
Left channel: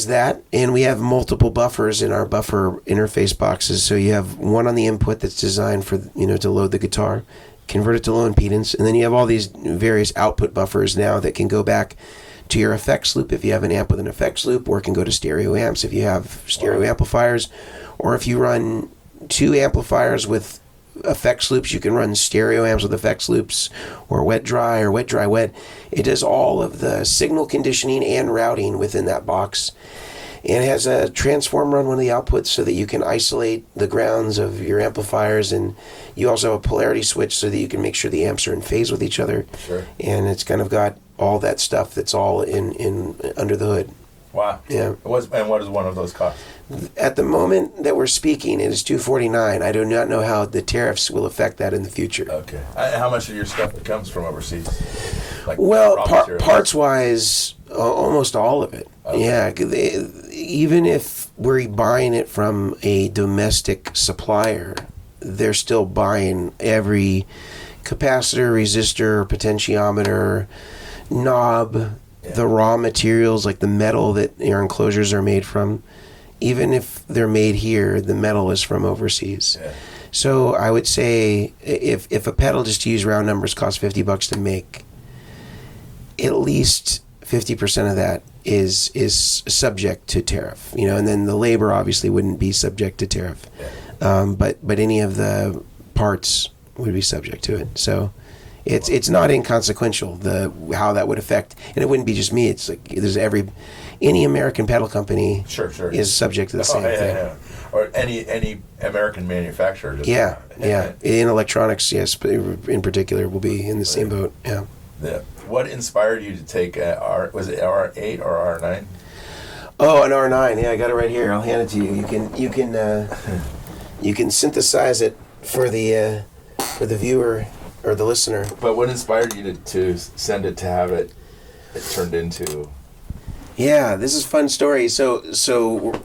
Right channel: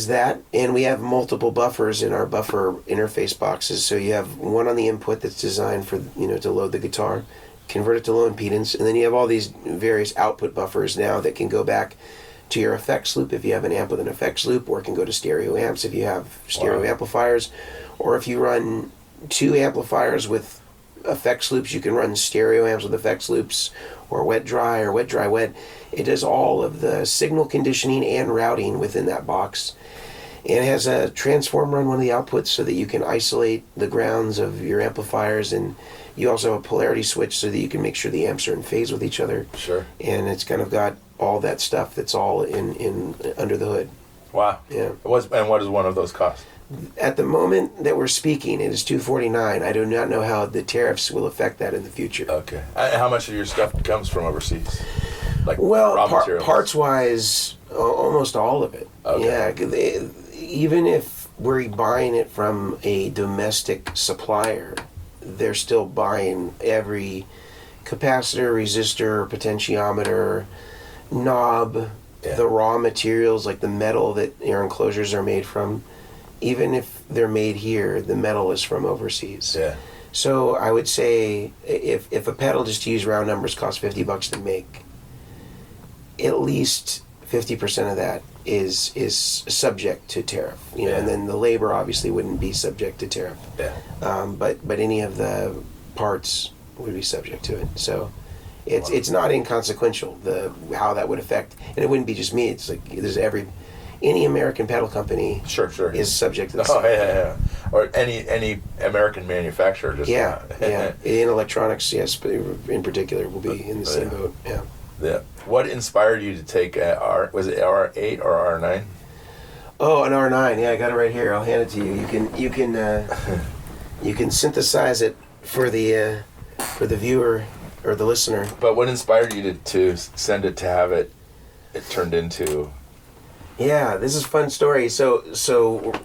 that, and we have multiple buffers in our buffer interface boxes. So you have one on the input that's designed for, to load the guitar, convert it to low impedance, and then you have all these various output buffers now that can go back to your effects loop if you have an amp with an effects loop, or it can go to stereo amps if you have stereo amplifiers, or if you run two amplifiers with effects loops, you can run stereo amps with effects loops, or wet dry or wet dry wet. It does all of the signal conditioning and routing within that box. And it has a transformer on one of the outputs so that you can isolate the grounds of your amplifiers, and you also have a polarity switch so that you can make sure the amps are in phase with each other. Sure. And it's kind of got all that stuff that's all in under the hood. Wow. Yeah. And what does one of those cost? At the moment that we're speaking, it is $249. I do not know how the tariffs will affect that in the future. Okay. How much of your stuff comes from overseas? Like well, raw materials? parts-wise, almost all of it. Okay. Yeah, 'cause even if we're buying it from a domestic supplier, they're still buying every capacitor, resistor, potentiometer, knob, the raw materials like the metal that your enclosures are made from. even if they're made here, the metal is from overseas. Yeah. So I would say if a pedal, just to use round numbers, costs $50 to make, at least 50% of that is subject to tariff. You know, and then the labor obviously wouldn't be subject to tariff. Yeah. But any of the parts would be subject to it. So it's not inconsequential how that would affect, and it wouldn't be just me. It's like there's any American pedal company Sure. is subject to the same thing. Yeah. Or any American manufacturer. Just Yeah. In electronics, yes, but in particular, will be in the same boat. Yeah. Yeah. What inspired you to take was it R8 or R9? Oh, an R9. Yeah, I got it right here. I'll hand it to you. You can synthesize it for the viewer or the listener. But what inspired you to send it to have it turned into? Yeah, this is a fun story. So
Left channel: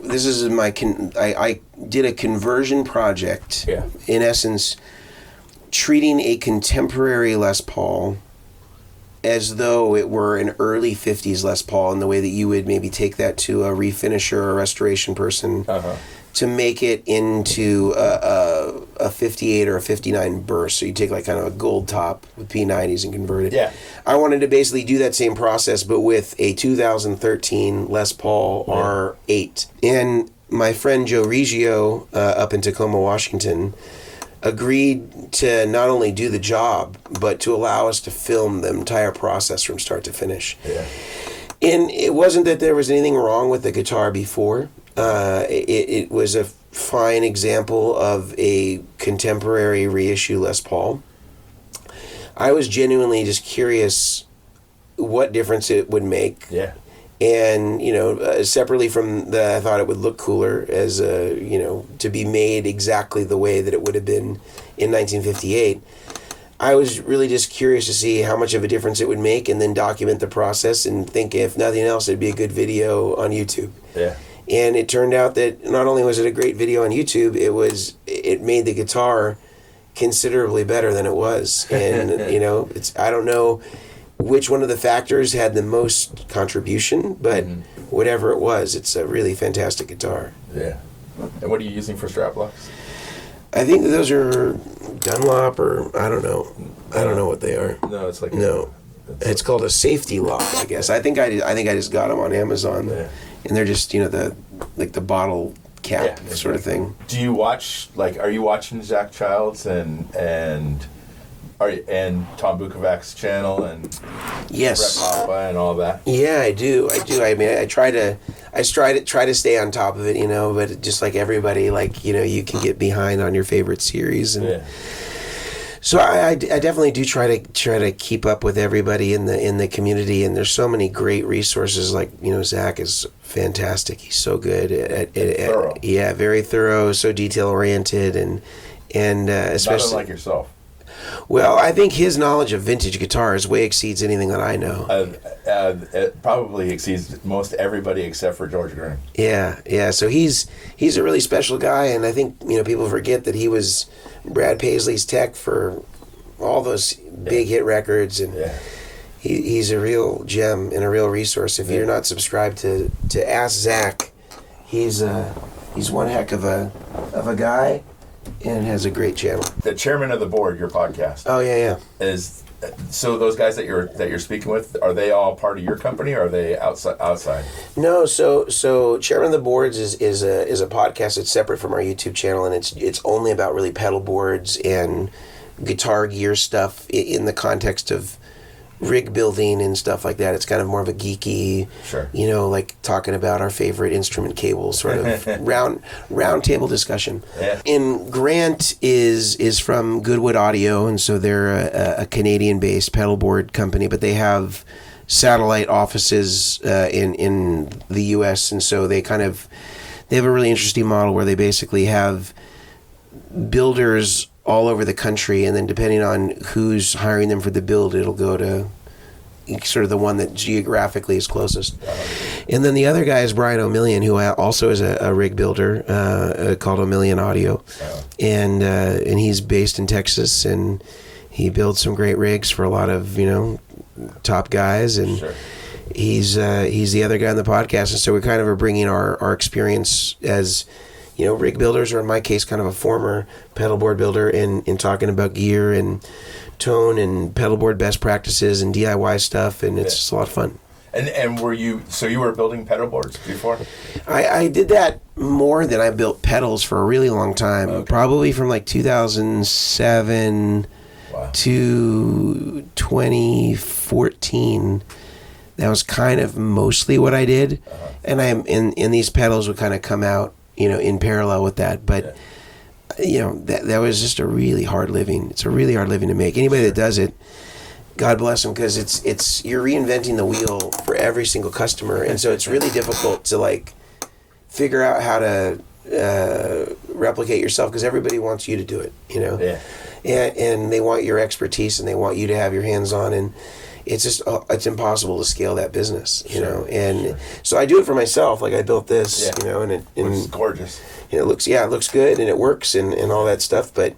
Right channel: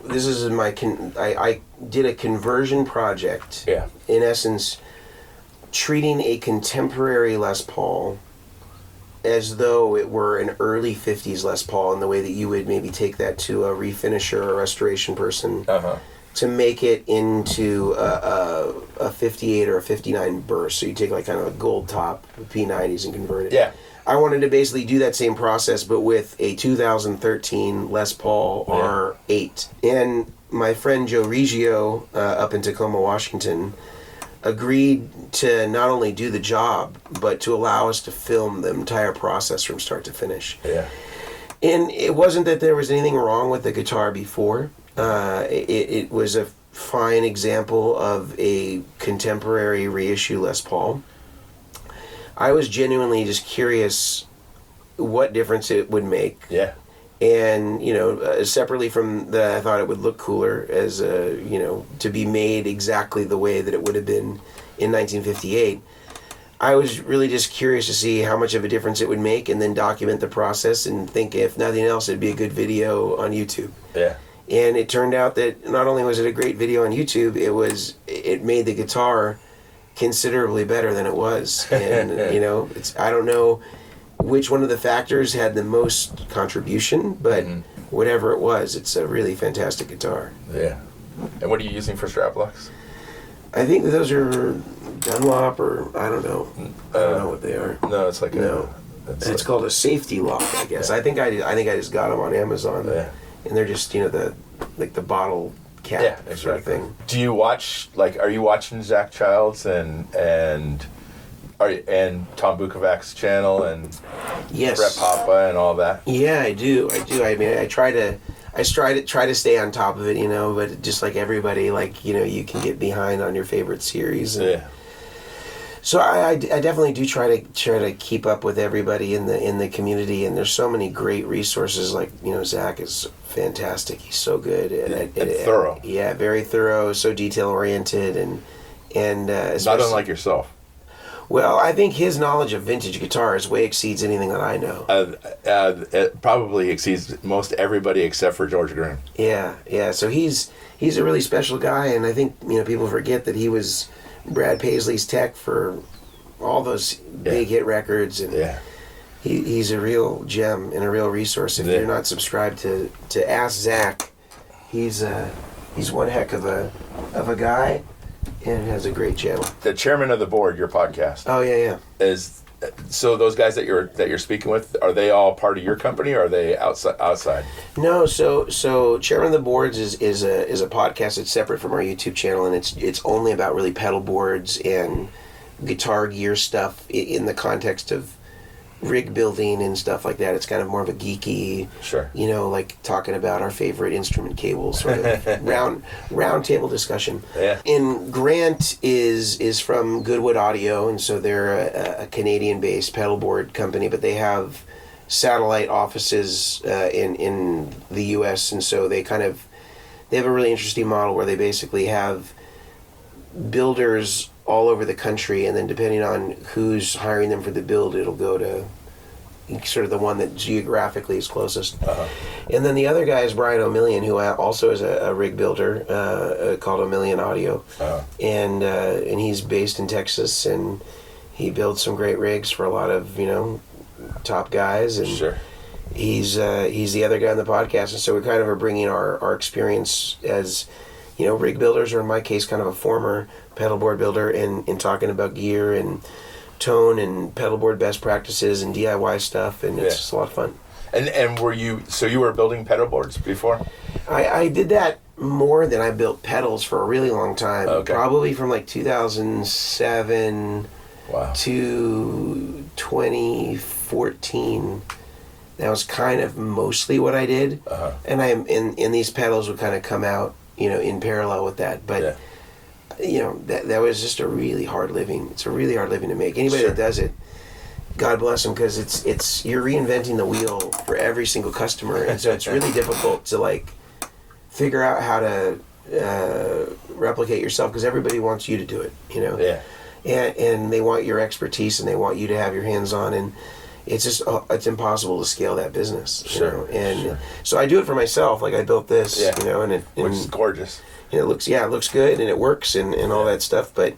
this is I did a conversion project. Yeah. In essence, treating a contemporary Les Paul as though it were an early 50s Les Paul, in the way that you would maybe take that to a refinisher or restoration person to make it into a 58 or a 59 burst. So you take like kind of a gold top with P90s and convert it. Yeah. I wanted to basically do that same process, but with a 2013 Les Paul R8. And my friend Joe Reggio up in Tacoma, Washington, agreed to not only do the job, but to allow us to film the entire process from start to finish. Yeah. And it wasn't that there was anything wrong with the guitar before. It was a fine example of a contemporary reissue Les Paul. I was genuinely just curious what difference it would make. Yeah. And, separately from that, I thought it would look cooler as, to be made exactly the way that it would have been in 1958. I was really just curious to see how much of a difference it would make, and then document the process and think, if nothing else, it'd be a good video on YouTube. Yeah. And it turned out that not only was it a great video on YouTube, it made the guitar considerably better than it was. And, I don't know which one of the factors had the most contribution, but whatever it was, it's a really fantastic guitar. Yeah. And what are you using for strap locks? I think those are Dunlop, or I don't know. I don't know what they are. No, it's like it's called a safety lock, I guess. I think I just got them on Amazon, and they're just the bottle cap sort of thing. Do you watch are you watching Zach Childs and Tom Bukovac's channel and Yes, Brett Papa and all that? Yeah, I do. I mean, I try to stay on top of it, but just like everybody, you can get behind on your favorite series. And so I definitely do try to keep up with everybody in the community, and there's so many great resources. Zach is fantastic. He's so good at thorough. Yeah, very thorough, so detail oriented, and especially not unlike yourself. Well, I think his knowledge of vintage guitars way exceeds anything that I know. It probably exceeds most everybody except for George Graham. Yeah. So he's a really special guy, and I think people forget that he was Brad Paisley's tech for all those big hit records, and he's a real gem and a real resource. If you're not subscribed to Ask Zach, he's one heck of a guy. And has a great channel. The Chairmen of the Board, your podcast. Oh yeah. So those guys that you're speaking with, are they all part of your company, or are they outside? No, so Chairmen of the Boards is a podcast that's separate from our YouTube channel, and it's only about really pedal boards and guitar gear stuff in the context of rig building and stuff like that. It's kind of more of a geeky, sure, like talking about our favorite instrument cables, sort of round table discussion. Yeah. And Grant is from Goodwood Audio, and so they're a Canadian-based pedal board company, but they have satellite offices in the U.S., and so they have a really interesting model where they basically have builders all over the country, and then depending on who's hiring them for the build, it'll go to sort of the one that geographically is closest. And then the other guy is Brian O'Million, who also is a rig builder called O'Million Audio, and he's based in Texas, and he builds some great rigs for a lot of top guys, and sure. he's the other guy on the podcast, and so we kind of are bringing our experience as, rig builders, or in my case, kind of a former pedalboard builder, in talking about gear and tone and pedalboard best practices and DIY stuff, and it's just a lot of fun. And you were building pedalboards before? I did that more than I built pedals for a really long time. Okay. Probably from like 2007 to 2014. That was kind of mostly what I did. Uh-huh. And in these pedals would kind of come out, in parallel with that. But that was just a really hard living. It's a really hard living to make. Anybody that does it, God bless them, because it's you're reinventing the wheel for every single customer, and so it's really difficult to like figure out how to replicate yourself, because everybody wants you to do it, and they want your expertise, and they want you to have your hands on, and it's just it's impossible to scale that business, so I do it for myself. Like I built this, and which is gorgeous. And it looks good, and it works, and all that stuff, but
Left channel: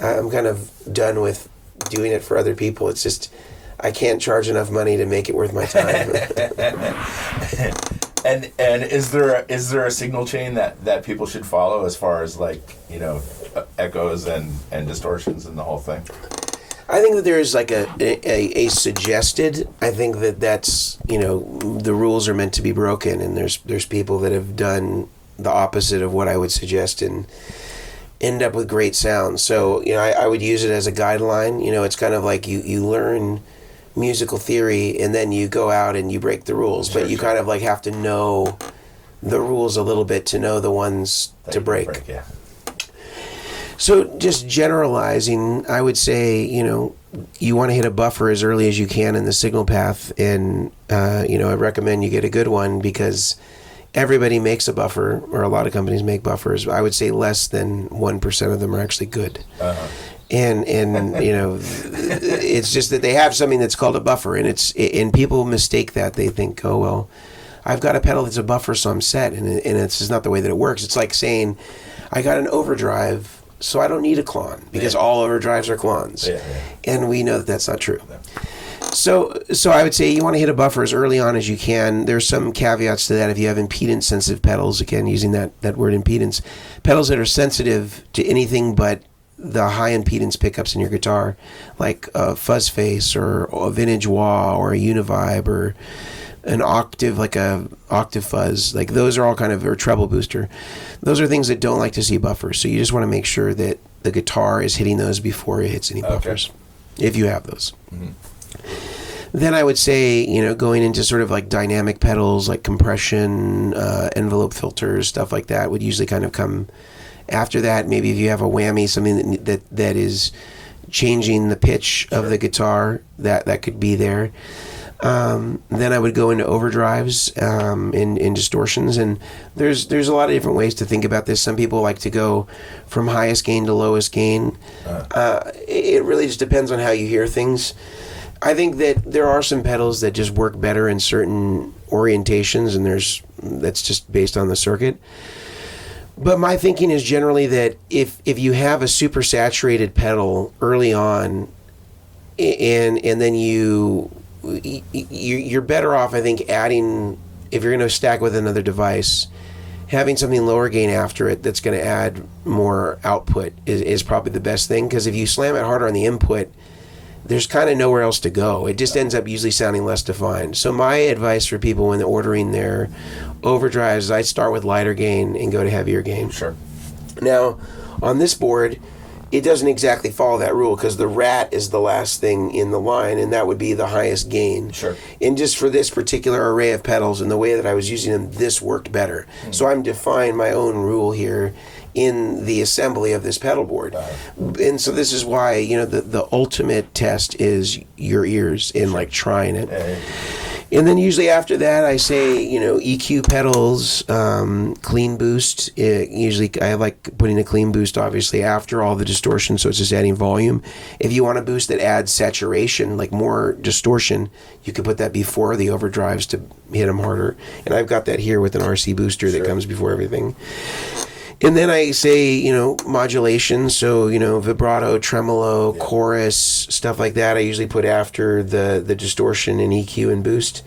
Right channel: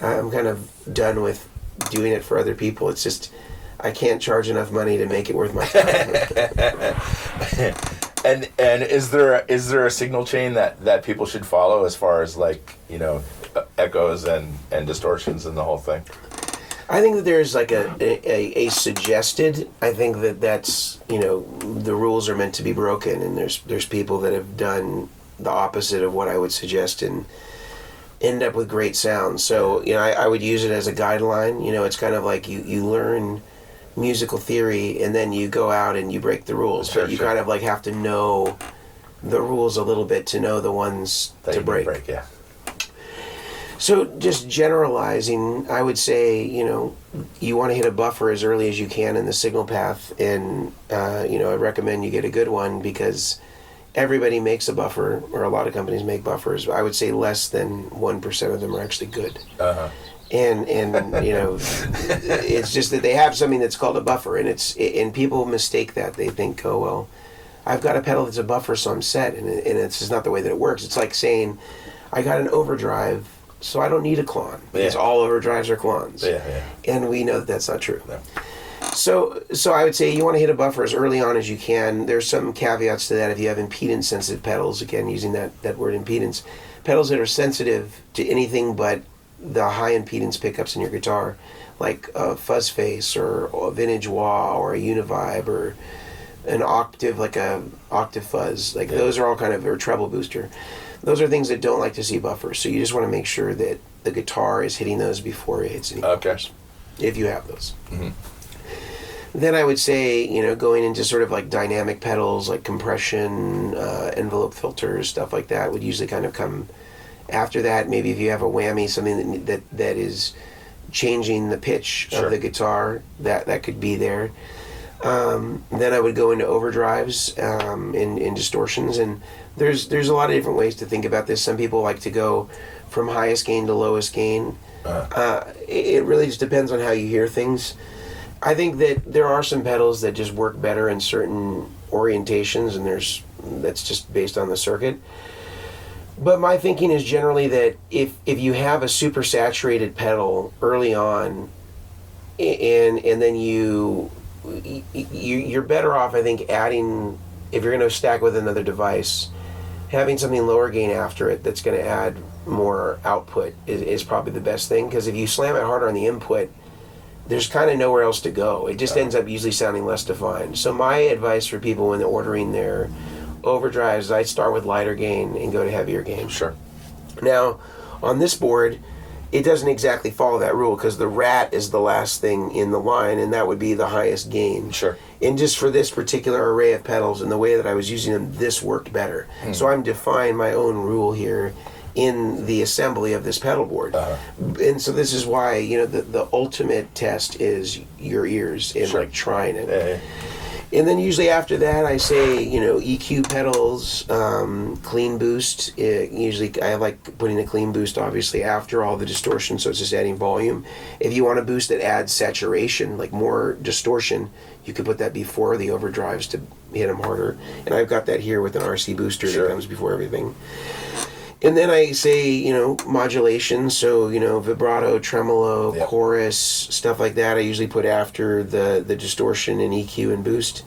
I'm kind of done with doing it for other people. It's just I can't charge enough money to make it worth my time. And is there a signal chain that people should follow as far as like echoes and distortions and the whole thing? I think that there is like a suggested. I think that's the rules are meant to be broken, and there's people that have done the opposite of what I would suggest and end up with great sound. So I would use it as a guideline. It's kind of like you learn musical theory, and then you go out and you break the rules. But you kind of like have to know the rules a little bit to know the ones to break. So just generalizing, I would say, you want to hit a buffer as early as you can in the signal path, and I recommend you get a good one, because everybody makes a buffer, or a lot of companies make buffers. I would say less than 1% of them are actually good. Uh-huh. And it's just that they have something that's called a buffer, and people mistake that. They think, oh well, I've got a pedal that's a buffer, so I'm set, and it's just not the way that it works. It's like saying, I got an overdrive, so I don't need a clon, because all overdrives are clones. And we know that that's not true. So I would say you want to hit a buffer as early on as you can. There's some caveats to that. If you have impedance sensitive pedals, again using that word impedance, pedals that are sensitive to anything but the high impedance pickups in your guitar, like a fuzz face or a vintage wah or a univibe or an octave, like a octave fuzz, like those are all kind of, or treble booster. Those are things that don't like to see buffers. So you just want to make sure that the guitar is hitting those before it hits any buffers, if you have those. Mm-hmm. Then I would say, going into sort of like dynamic pedals, like compression, envelope filters, stuff like that would usually kind of come after that. Maybe if you have a whammy, something that is changing the pitch of the guitar, that could be there. Then I would go into overdrives, in distortions, and there's a lot of different ways to think about this. Some people like to go from highest gain to lowest gain. It really just depends on how you hear things. I think that there are some pedals that just work better in certain orientations, and that's just based on the circuit. But my thinking is generally that if you have a super saturated pedal early on, and then you're better off, I think, adding, if you're going to stack with another device, having something lower gain after it that's going to add more output is probably the best thing, because if you slam it harder on the input, there's kind of nowhere else to go. It just ends up usually sounding less defined. So my advice for people when they're ordering their overdrives is I start with lighter gain and go to heavier gain. Sure. Now, on this board, it doesn't exactly follow that rule, because the rat is the last thing in the line, and that would be the highest gain. Sure. And just for this particular array of pedals and the way that I was using them, this worked better. So I'm defying my own rule here in the assembly of this pedal board. And so this is why, the ultimate test is your ears in like trying it. And then usually after that, I say, EQ pedals, clean boost. Usually I like putting a clean boost, obviously, after all the distortion, so it's just adding volume. If you want a boost that adds saturation, like more distortion, you could put that before the overdrives to hit them harder. And I've got that here with an RC booster that comes before everything. And then I say, modulation, so, vibrato, tremolo, chorus, stuff like that, I usually put after the distortion and EQ and boost.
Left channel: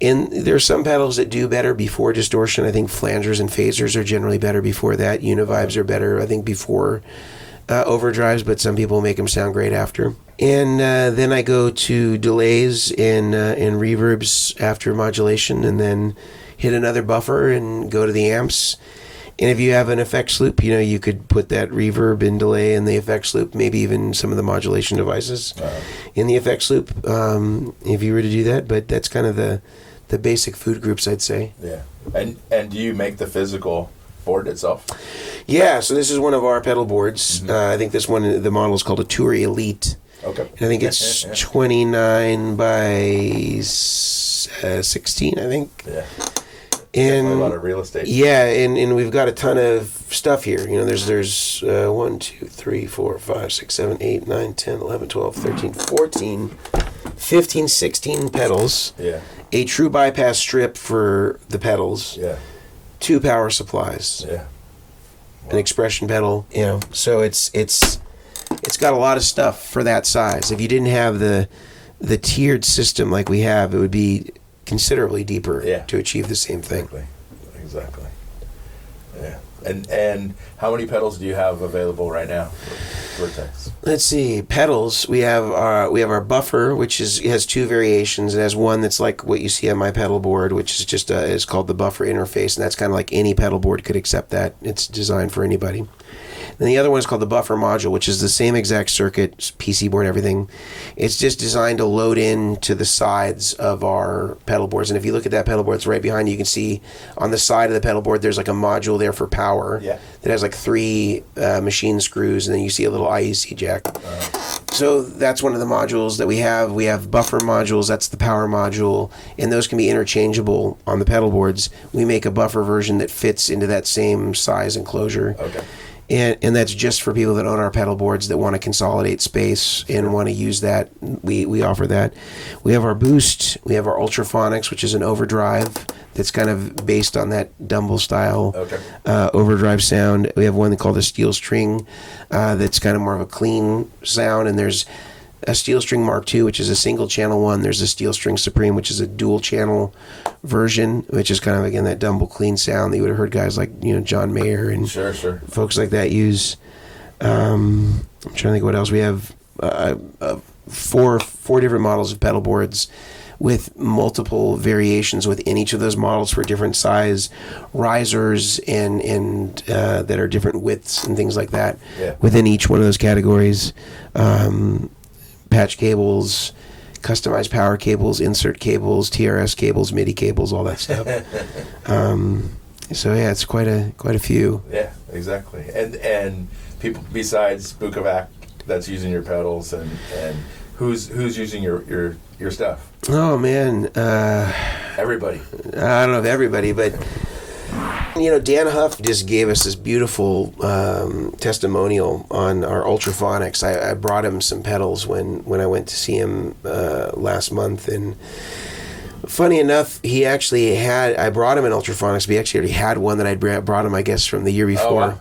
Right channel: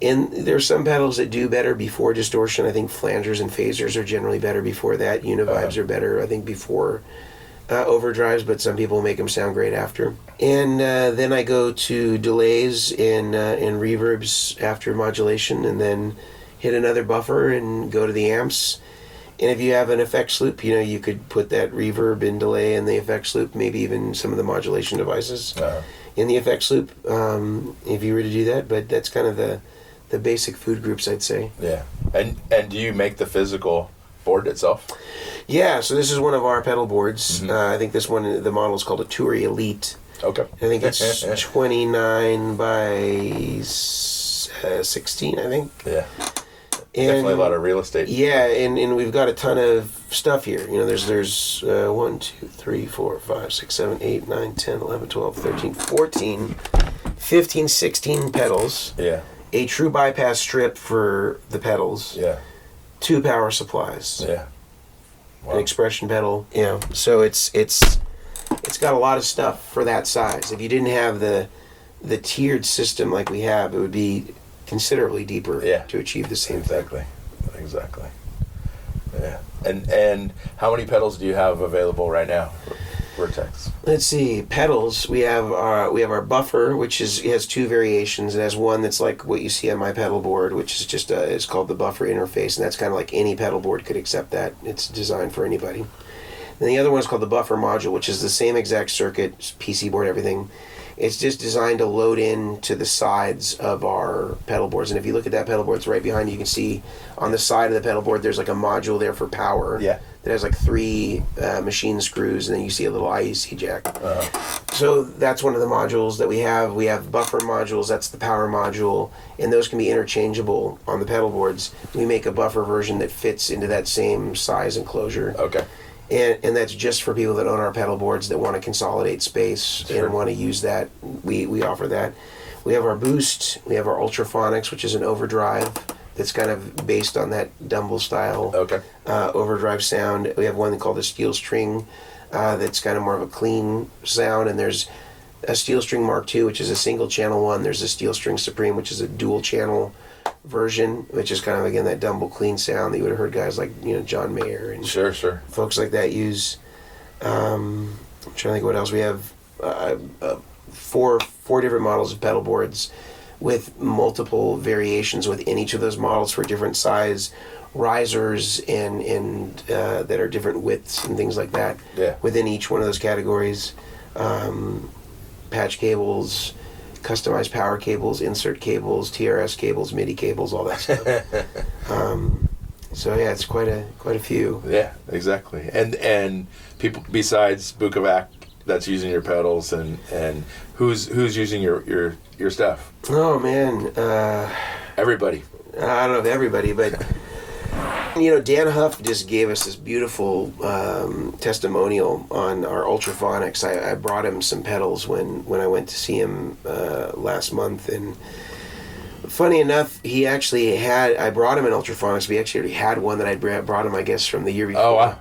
And there's some pedals that do better before distortion. I think flangers and phasers are generally better before that. Univibes are better, I think, before overdrives, but some people make them sound great after. And then I go to delays and reverbs after modulation, and then hit another buffer and go to the amps. And if you have an effects loop, you could put that reverb and delay in the effects loop, maybe even some of the modulation devices in the effects loop, if you were to do that. But that's kind of the basic food groups, I'd say. Yeah. And do you make the physical board itself? Yeah, so this is one of our pedal boards. I think this one, the model is called a Turi Elite. Okay. And I think it's 29 by 16, I think. Yeah. And definitely a lot of real estate. Yeah, and we've got a ton of stuff here. There's 1, 2, 3, 4, 5, 6, 7, 8, 9, 10, 11, 12, 13, 14, 15, 16 pedals. Yeah. A true bypass strip for the pedals. Yeah. 2 power supplies. Yeah. Wow. An expression pedal. So it's got a lot of stuff for that size. If you didn't have the tiered system like we have, it would be considerably deeper to achieve the same thing. Exactly. Yeah. And how many pedals do you have available right now for Vertex? Let's see. Pedals. We have our buffer, which has 2 variations. It has one that's like what you see on my pedal board, which is just is called the buffer interface, and that's kind of like any pedal board could accept that. It's designed for anybody. And the other one is called the buffer module, which is the same exact circuit, PC board, everything. It's just designed to load in to the sides of our pedal boards. And if you look at that pedal board, it's right behind you. You can see on the side of the pedal board, there's like a module there for power. Yeah. That has like 3 machine screws, and then you see a little IEC jack. So that's one of the modules that we have. We have buffer modules. That's the power module, and those can be interchangeable on the pedal boards. We make a buffer version that fits into that same size enclosure. Okay. And that's just for people that own our pedal boards that want to consolidate space and want to use that. We offer that. We have our boost. We have our ultraphonics, which is an overdrive that's kind of based on that Dumble style overdrive sound. We have one called a steel string that's kind of more of a clean sound. And there's a steel string Mark II, which is a single channel one. There's a steel string Supreme, which is a dual channel version, which is kind of, again, that Dumble clean sound that you would have heard guys like John Mayer and folks like that use. I'm trying to think what else. We have four different models of pedal boards with multiple variations within each of those models for different size risers and that are different widths and things like that within each one of those categories. Patch cables, customized power cables, insert cables, TRS cables, MIDI cables, all that stuff. So yeah, it's quite a few. Yeah, exactly. And people besides Bukovac that's using your pedals, and who's using your stuff? Oh man, everybody. I don't know if everybody, but Dan Huff just gave us this beautiful testimonial on our ultraphonics. I brought him some pedals when I went to see him last month, and funny enough, he actually I brought him an ultraphonics, but he actually already had one that I'd brought him, I guess, from the year before. Oh, wow.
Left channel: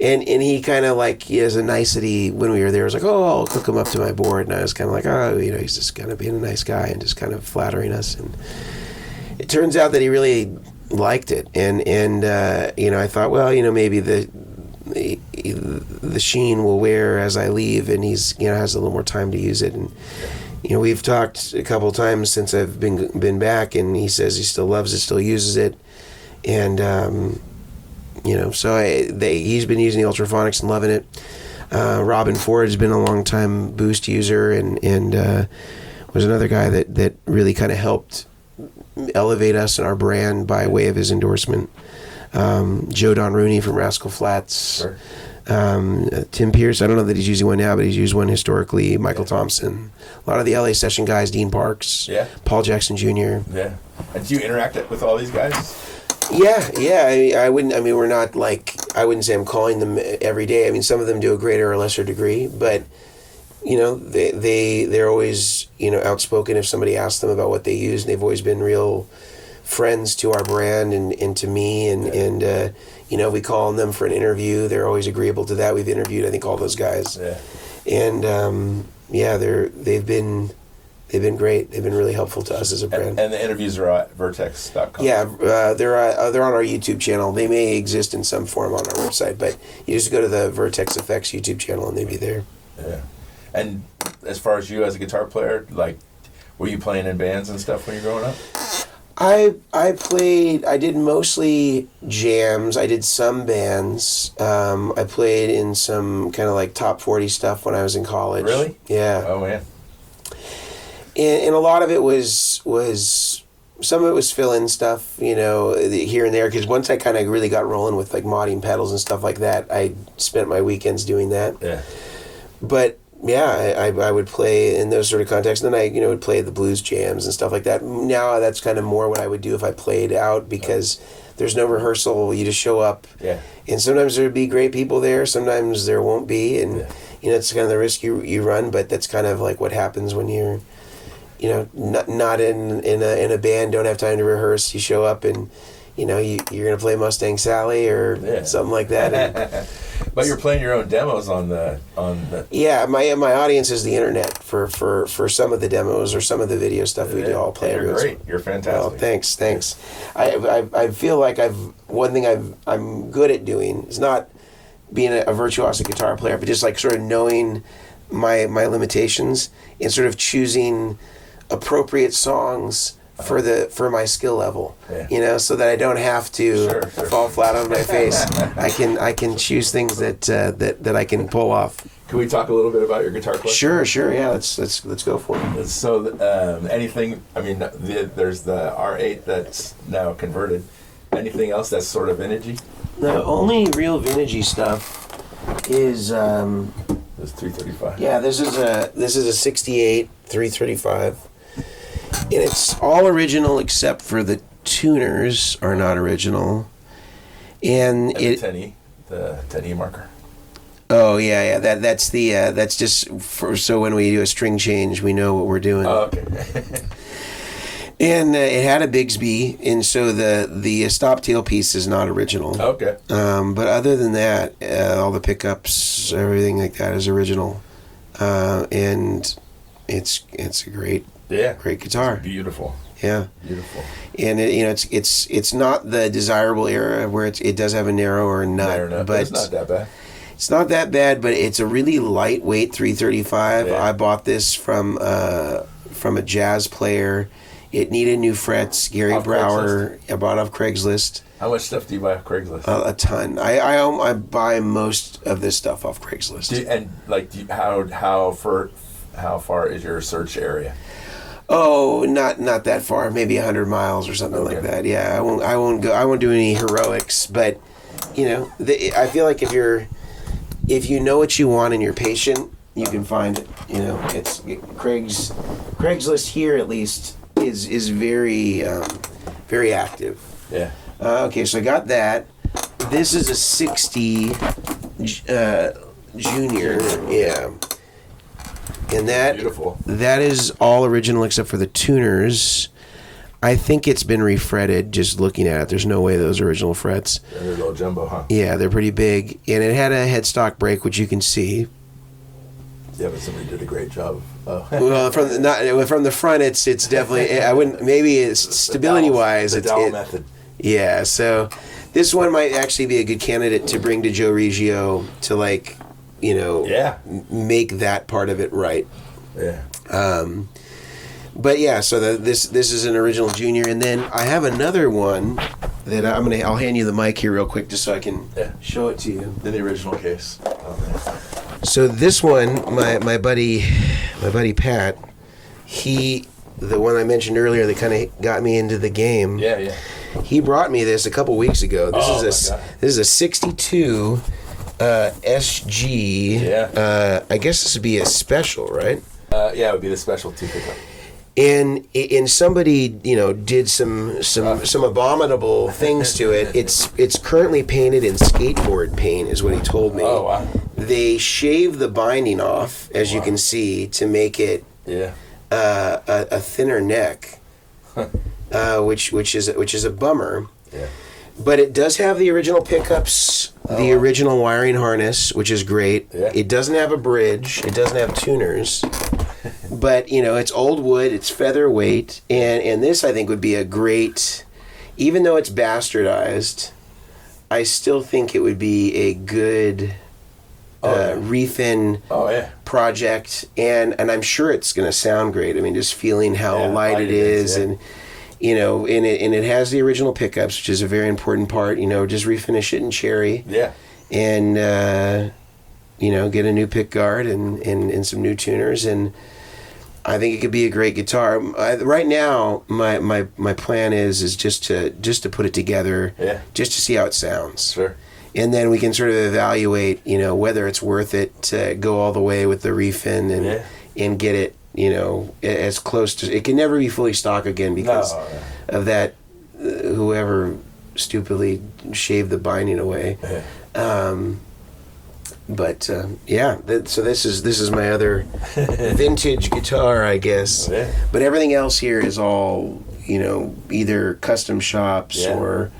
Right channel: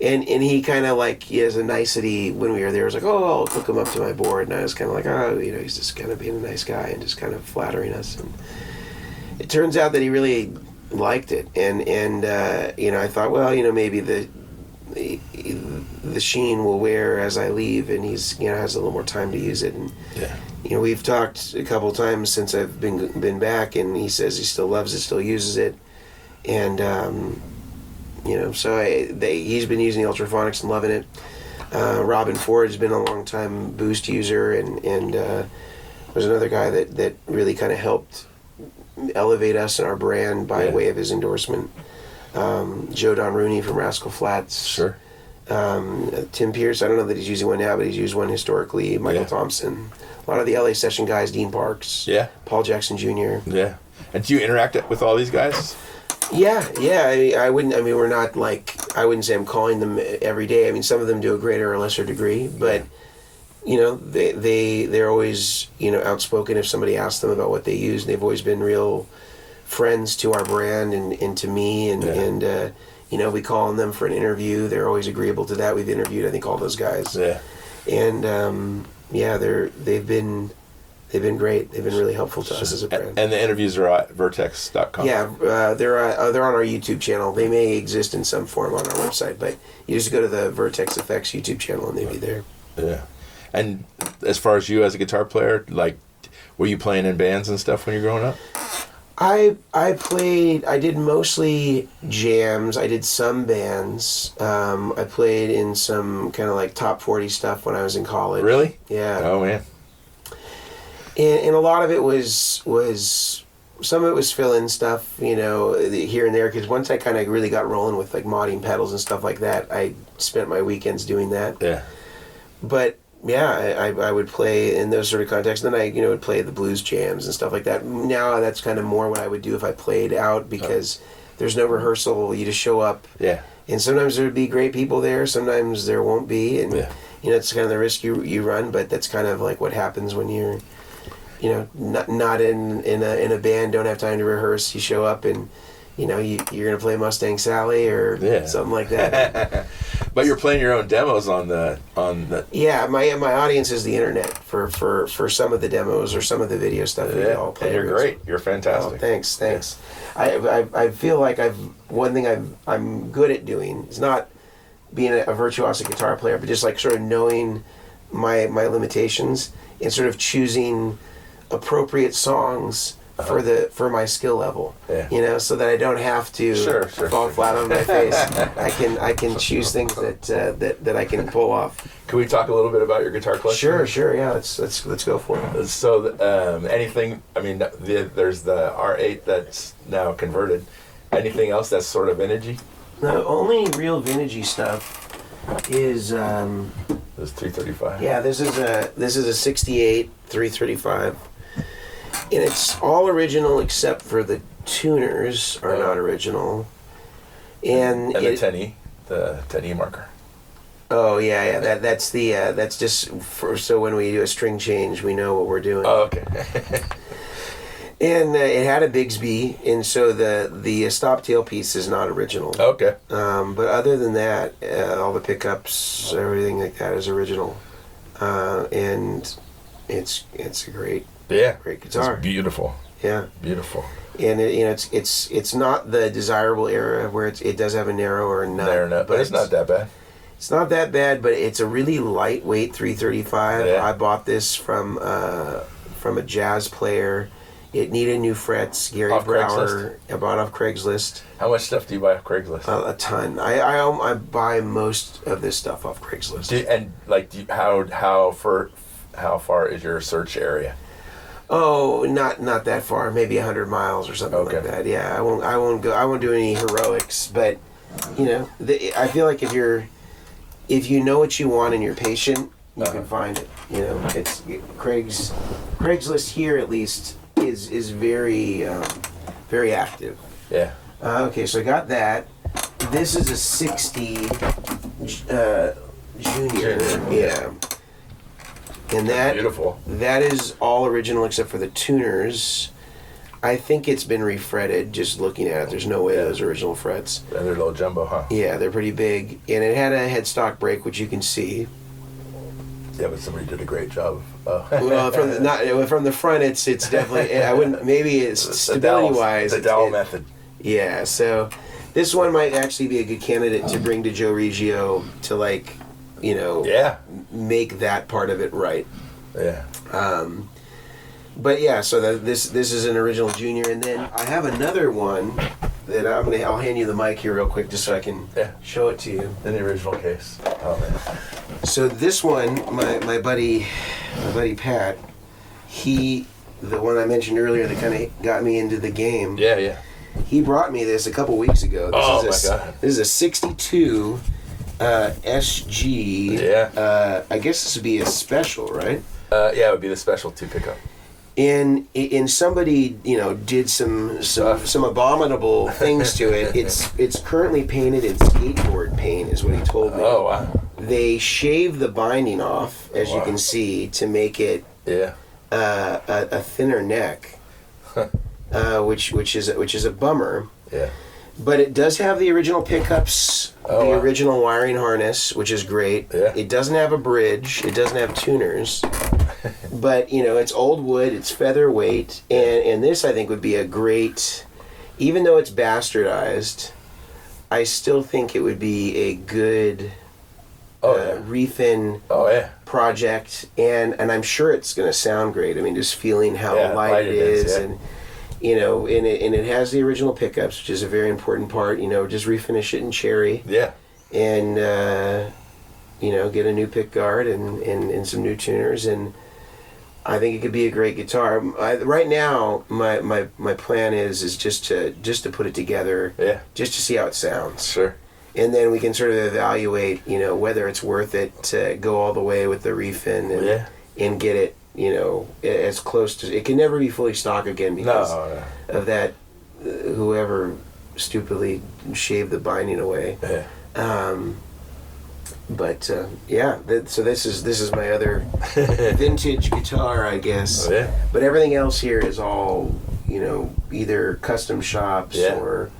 And he kind of as a nicety when we were there, was like, oh, I'll hook him up to my board, and I was kind of like, oh, he's just kind of being a nice guy and just kind of flattering us. And it turns out that he really liked it, and I thought, well, maybe the sheen will wear as I leave, and he's has a little more time to use it. And we've talked a couple times since I've been back, and he says he still loves it, still uses it, and so he's been using the ultraphonics and loving it. Robin Ford has been a long time Boost user, and was another guy that really kind of helped elevate us and our brand by way of his endorsement. Joe Don Rooney from Rascal Flatts. Sure. Tim Pierce, I don't know that he's using one now, but he's used one historically. Michael Thompson. A lot of the LA session guys, Dean Parks. Yeah. Paul Jackson Jr. Yeah. And do you interact with all these guys? Yeah. I we're not I wouldn't say I'm calling them every day. I mean, some of them do a greater or lesser degree, but they're always outspoken if somebody asks them about what they use, and they've always been real friends to our brand and to me, and we call on them for an interview. They're always agreeable to that. We've interviewed, I think, all those guys. Yeah. And they've been They've been great. They've been really helpful to us as a brand. And the interviews are at vertex.com. Yeah, they're on our YouTube channel. They may exist in some form on our website, but you just go to the Vertex Effects YouTube channel and they'd be there. Yeah. And as far as you as a guitar player, like, were you playing in bands and stuff when you were growing up? I did mostly jams. I did some bands. I played in some kind of like top 40 stuff when I was in college. Really? Yeah. Oh, man. And a lot of it was some of it was fill-in stuff, here and there. Because once I kind of really got rolling with like modding pedals and stuff like that, I spent my weekends doing that. Yeah. But yeah, I would play in those sort of contexts. And then I would play the blues jams and stuff like that. Now that's kind of more what I would do if I played out because there's no rehearsal. You just show up. Yeah. And sometimes there would be great people there. Sometimes there won't be. And it's kind of the risk you run. But that's kind of like what happens when you're not in a band, don't have time to rehearse. You show up and you're gonna play Mustang Sally or something like that. But you're playing your own demos on the. Yeah, my audience is the internet for some of the demos or some of the video stuff we all play. You're great. You're fantastic. Oh, thanks. I feel like one thing I'm good at doing is not being a virtuosic guitar player, but just like sort of knowing my limitations and sort of choosing appropriate songs for my skill level, so that I don't have to fall flat on my face. I can choose things that I can pull off. Can we talk a little bit about your guitar collection? Sure. Yeah, let's go for it. So anything? I mean, there's the R8 that's now converted. Anything else that's sort of vintagey? The only real vintagey stuff is this 335. Yeah, this is a 68 335. And it's all original except for the tuners are not original. And the 10E marker. Oh yeah. That's just so when we do a string change, we know what we're doing. Oh, okay. And it had a Bigsby, and so the stop tail piece is not original. Okay. But other than that, all the pickups, everything like that is original, and it's a great guitar. It's beautiful. Yeah. Beautiful. And it's not the desirable era where it does have a narrow or a nut, but it's not that bad. It's not that bad, but it's a really lightweight 335. Yeah. I bought this from a jazz player. It needed new frets. Gary Brower. I bought off Craigslist. How much stuff do you buy off Craigslist? A ton. I buy most of this stuff off Craigslist. How far is your search area? Oh, not that far. Maybe 100 miles or something like that. Yeah, I won't do any heroics. But I feel like if you know what you want and you're patient, you can find it. It's Craigslist here at least is very very active. Yeah. Okay, so I got that. This is a 60 Junior. Yeah. And beautiful. That is all original except for the tuners. I think it's been refretted just looking at it. There's no way those are original frets. They're a little jumbo, huh? Yeah, they're pretty big. And it had a headstock brake, which you can see. Yeah, but somebody did a great job. Oh. Well, from the front, it's definitely. I wouldn't. Maybe it's stability wise. The dowel method. Yeah, so this one might actually be a good candidate to bring to Joe Reggio to make that part of it right. Yeah. But yeah, so this is an original Junior, and then I have another one that I'll hand you the mic here real quick just so I can show it to you. In the original case. Oh man. So this one, my buddy Pat, the one I mentioned earlier that kind of got me into the game. Yeah. He brought me this a couple weeks ago. This is a 62 SG. Yeah. I guess this would be a special, right? Yeah, it would be the special 2 pickup. And somebody did some abominable things to it. It's currently painted in skateboard paint, is what he told me. Oh wow! They shave the binding off, as you can see, to make it a thinner neck, which is a bummer. Yeah. But it does have the original pickups, original wiring harness, which is great. Yeah. It doesn't have a bridge. It doesn't have tuners. but it's old wood, it's featherweight, and this I think would be a great, even though it's bastardized, I still think it would be a good refin project, and I'm sure it's going to sound great. I mean, just feeling how light it is, and and it has the original pickups, which is a very important part. Just refinish it in cherry. Yeah. And get a new pick guard and some new tuners, and I think it could be a great guitar. Right now, my plan is just to put it together, just to see how it sounds. Sure. And then we can sort of evaluate, whether it's worth it to go all the way with the refin and get it, as close to. It can never be fully stock again because of that. Whoever stupidly shaved the binding away. So this is my other vintage guitar, I guess. Oh, yeah. But everything else here is all either custom shops or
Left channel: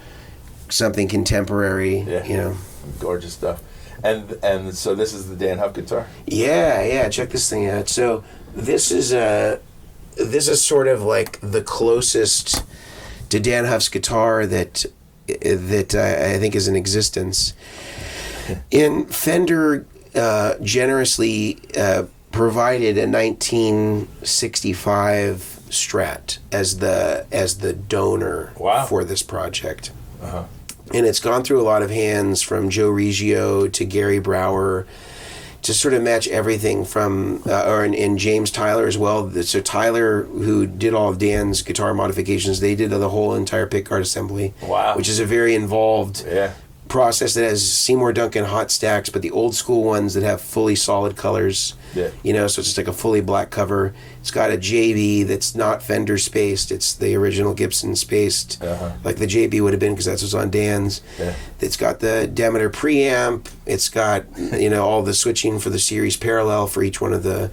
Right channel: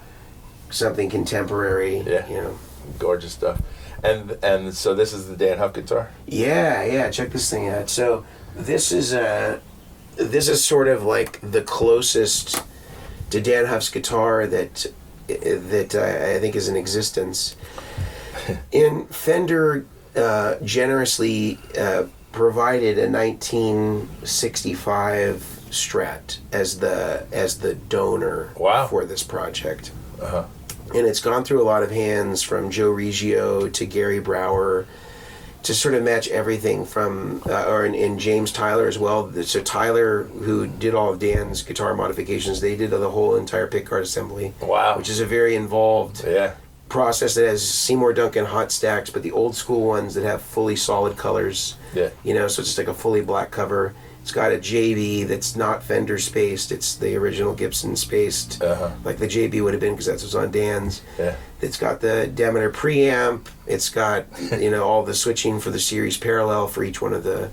something contemporary. Yeah. Gorgeous stuff. And so this is the Dan Huff guitar? Yeah. Check this thing out. So this is sort of like the closest to Dan Huff's guitar that I think is in existence. And Fender generously provided a 1965 Strat as the donor for this project. Uh-huh. And it's gone through a lot of hands, from Joe Riggio to Gary Brower, to sort of match everything from, and James Tyler as well. So Tyler, who did all of Dan's guitar modifications, they did the whole entire pickguard assembly. Wow. Which is a very involved process that has Seymour Duncan hot stacks, but the old school ones that have fully solid colors. Yeah. So it's just like a fully black cover. It's got a JB that's not Fender spaced. It's the original Gibson spaced, like the JB would have been, because that's what's on Dan's. Yeah. It's got the Demeter preamp. It's got all the switching for the series parallel for each one of the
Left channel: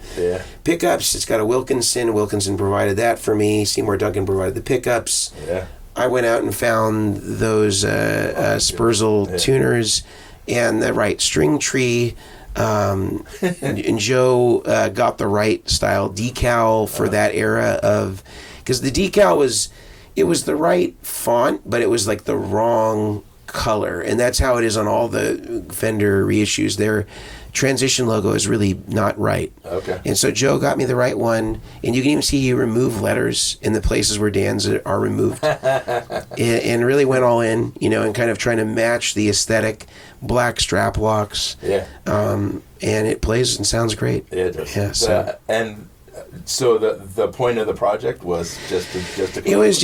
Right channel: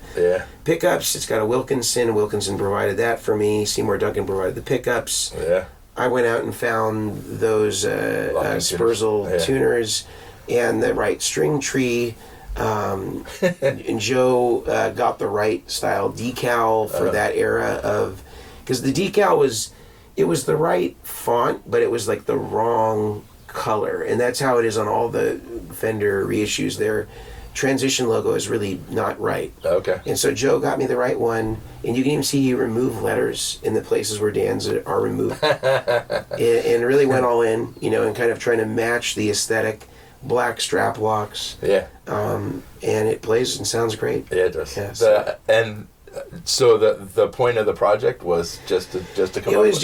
pickups. It's got a Wilkinson. Wilkinson provided that for me. Seymour Duncan provided the pickups. Yeah. I went out and found those Spurzl tuners and the right string tree. And Joe got the right style decal for that era of, because the decal was the right font, but it was like the wrong color, and that's how it is on all the Fender reissues. Their transition logo is really not right. Okay. And so Joe got me the right one, and you can even see he removed letters in the places where Dan's are removed, and really went all in, and kind of trying to match the aesthetic. Black strap locks. Yeah. And it plays and sounds great. Yeah, it does. Yeah. So the point of the project was just to it was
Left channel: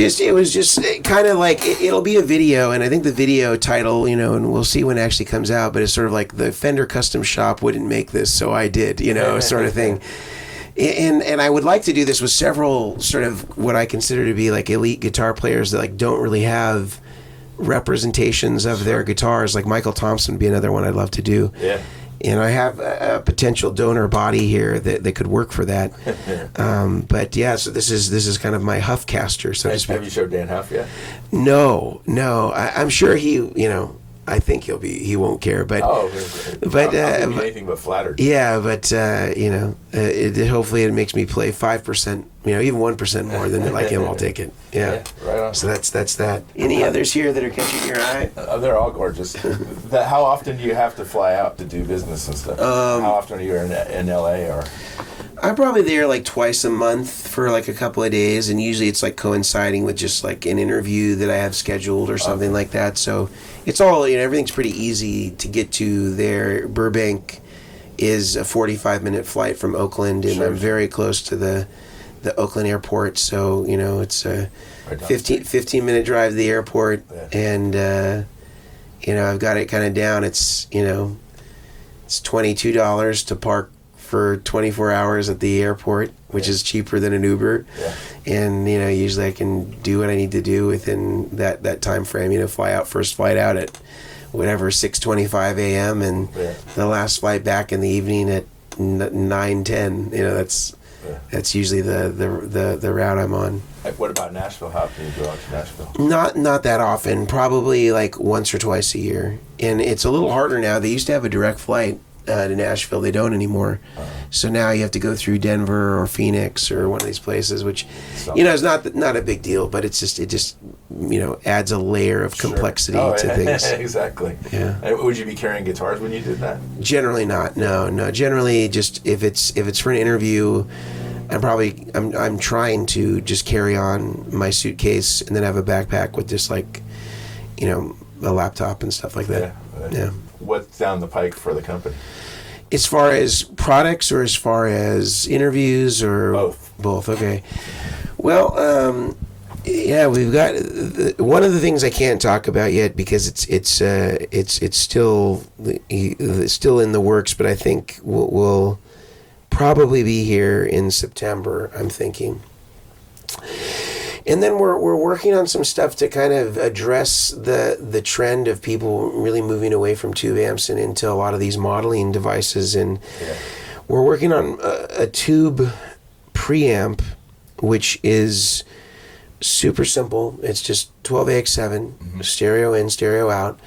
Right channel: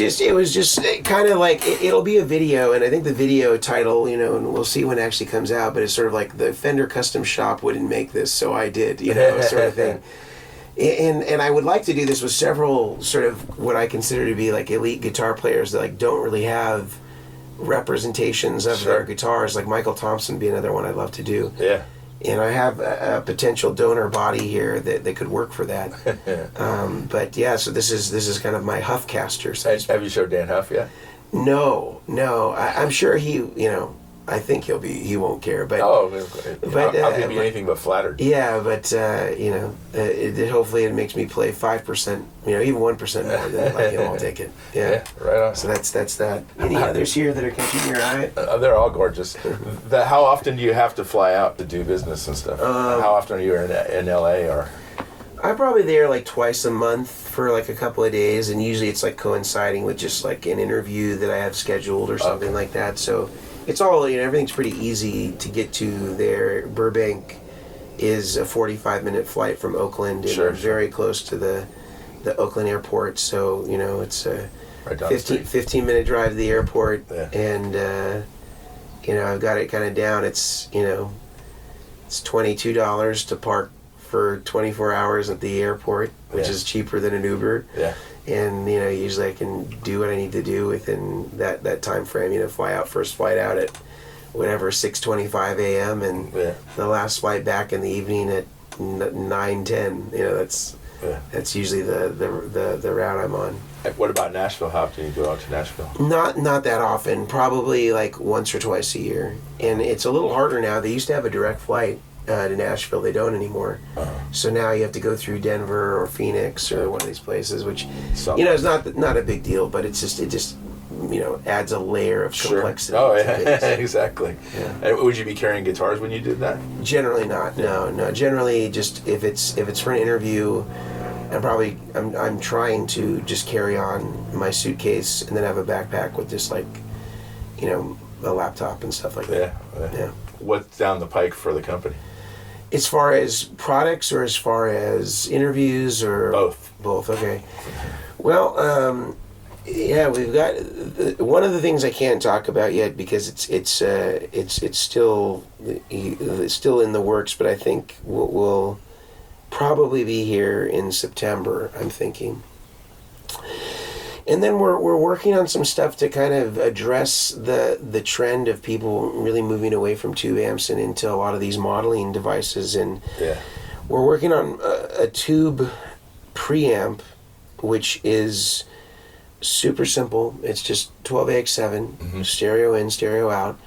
just kind of like it'll be a video, and I think the video title, and we'll see when it actually comes out, but it's sort of like the Fender custom shop wouldn't make this, so I did, sort of thing. And I would like to do this with several sort of what I consider to be like elite guitar players that like don't really have representations of their guitars. Like Michael Thompson would be another one I'd love to do. Yeah. And I have a potential donor body here that could work for that. But yeah, so this is kind of my Huffcaster. So have you showed Dan Huff yet? No. I'm sure I think he won't care, but I'll be anything but flattered. Yeah, but hopefully it makes me play 5%, even 1% more than like him. I'll take it. Yeah, right on. So that's that. Any others here that are catching your eye? They're all gorgeous. How often do you have to fly out to do business and stuff? How often are you in LA or? I'm probably there like twice a month for like a couple of days, and usually it's like coinciding with just like an interview that I have scheduled or something like that. So it's all, everything's pretty easy to get to there. Burbank is a 45-minute flight from Oakland, and I'm very close to the Oakland airport. So, it's a 15-minute drive to the airport, and, I've got it kind of down. It's, it's $22 to park for 24 hours at the airport, which is cheaper than an Uber. Yeah. And, usually I can do what I need to do within that time frame. First flight out at whatever, 6:25 a.m. and the last flight back in the evening at 9:10. That's usually the route I'm on. What about Nashville? How often do you go out to Nashville? Not that often. Probably like once or twice a year. And it's a little harder now. They used to have a direct flight to Nashville. They don't anymore. So now you have to go through Denver or Phoenix or one of these places, which is not a big deal, but it just adds a layer of complexity to things. Exactly. Yeah. And would you be carrying guitars when you did that? Generally not. No. Generally, just if it's for an interview, I'm trying to just carry on my suitcase and then have a backpack with just like, a laptop and stuff like that. Yeah. What's down the pike for the company? As far as products or as far as interviews or both. Okay. Well, we've got one of the things I can't talk about yet because it's still in the works, but I think we'll probably be here in September, I'm thinking. And then we're working on some stuff to kind of address the trend of people really moving away from tube amps and into a lot of these modeling devices. And we're working on a tube preamp, which is super simple. It's just 12AX7, stereo in, stereo out.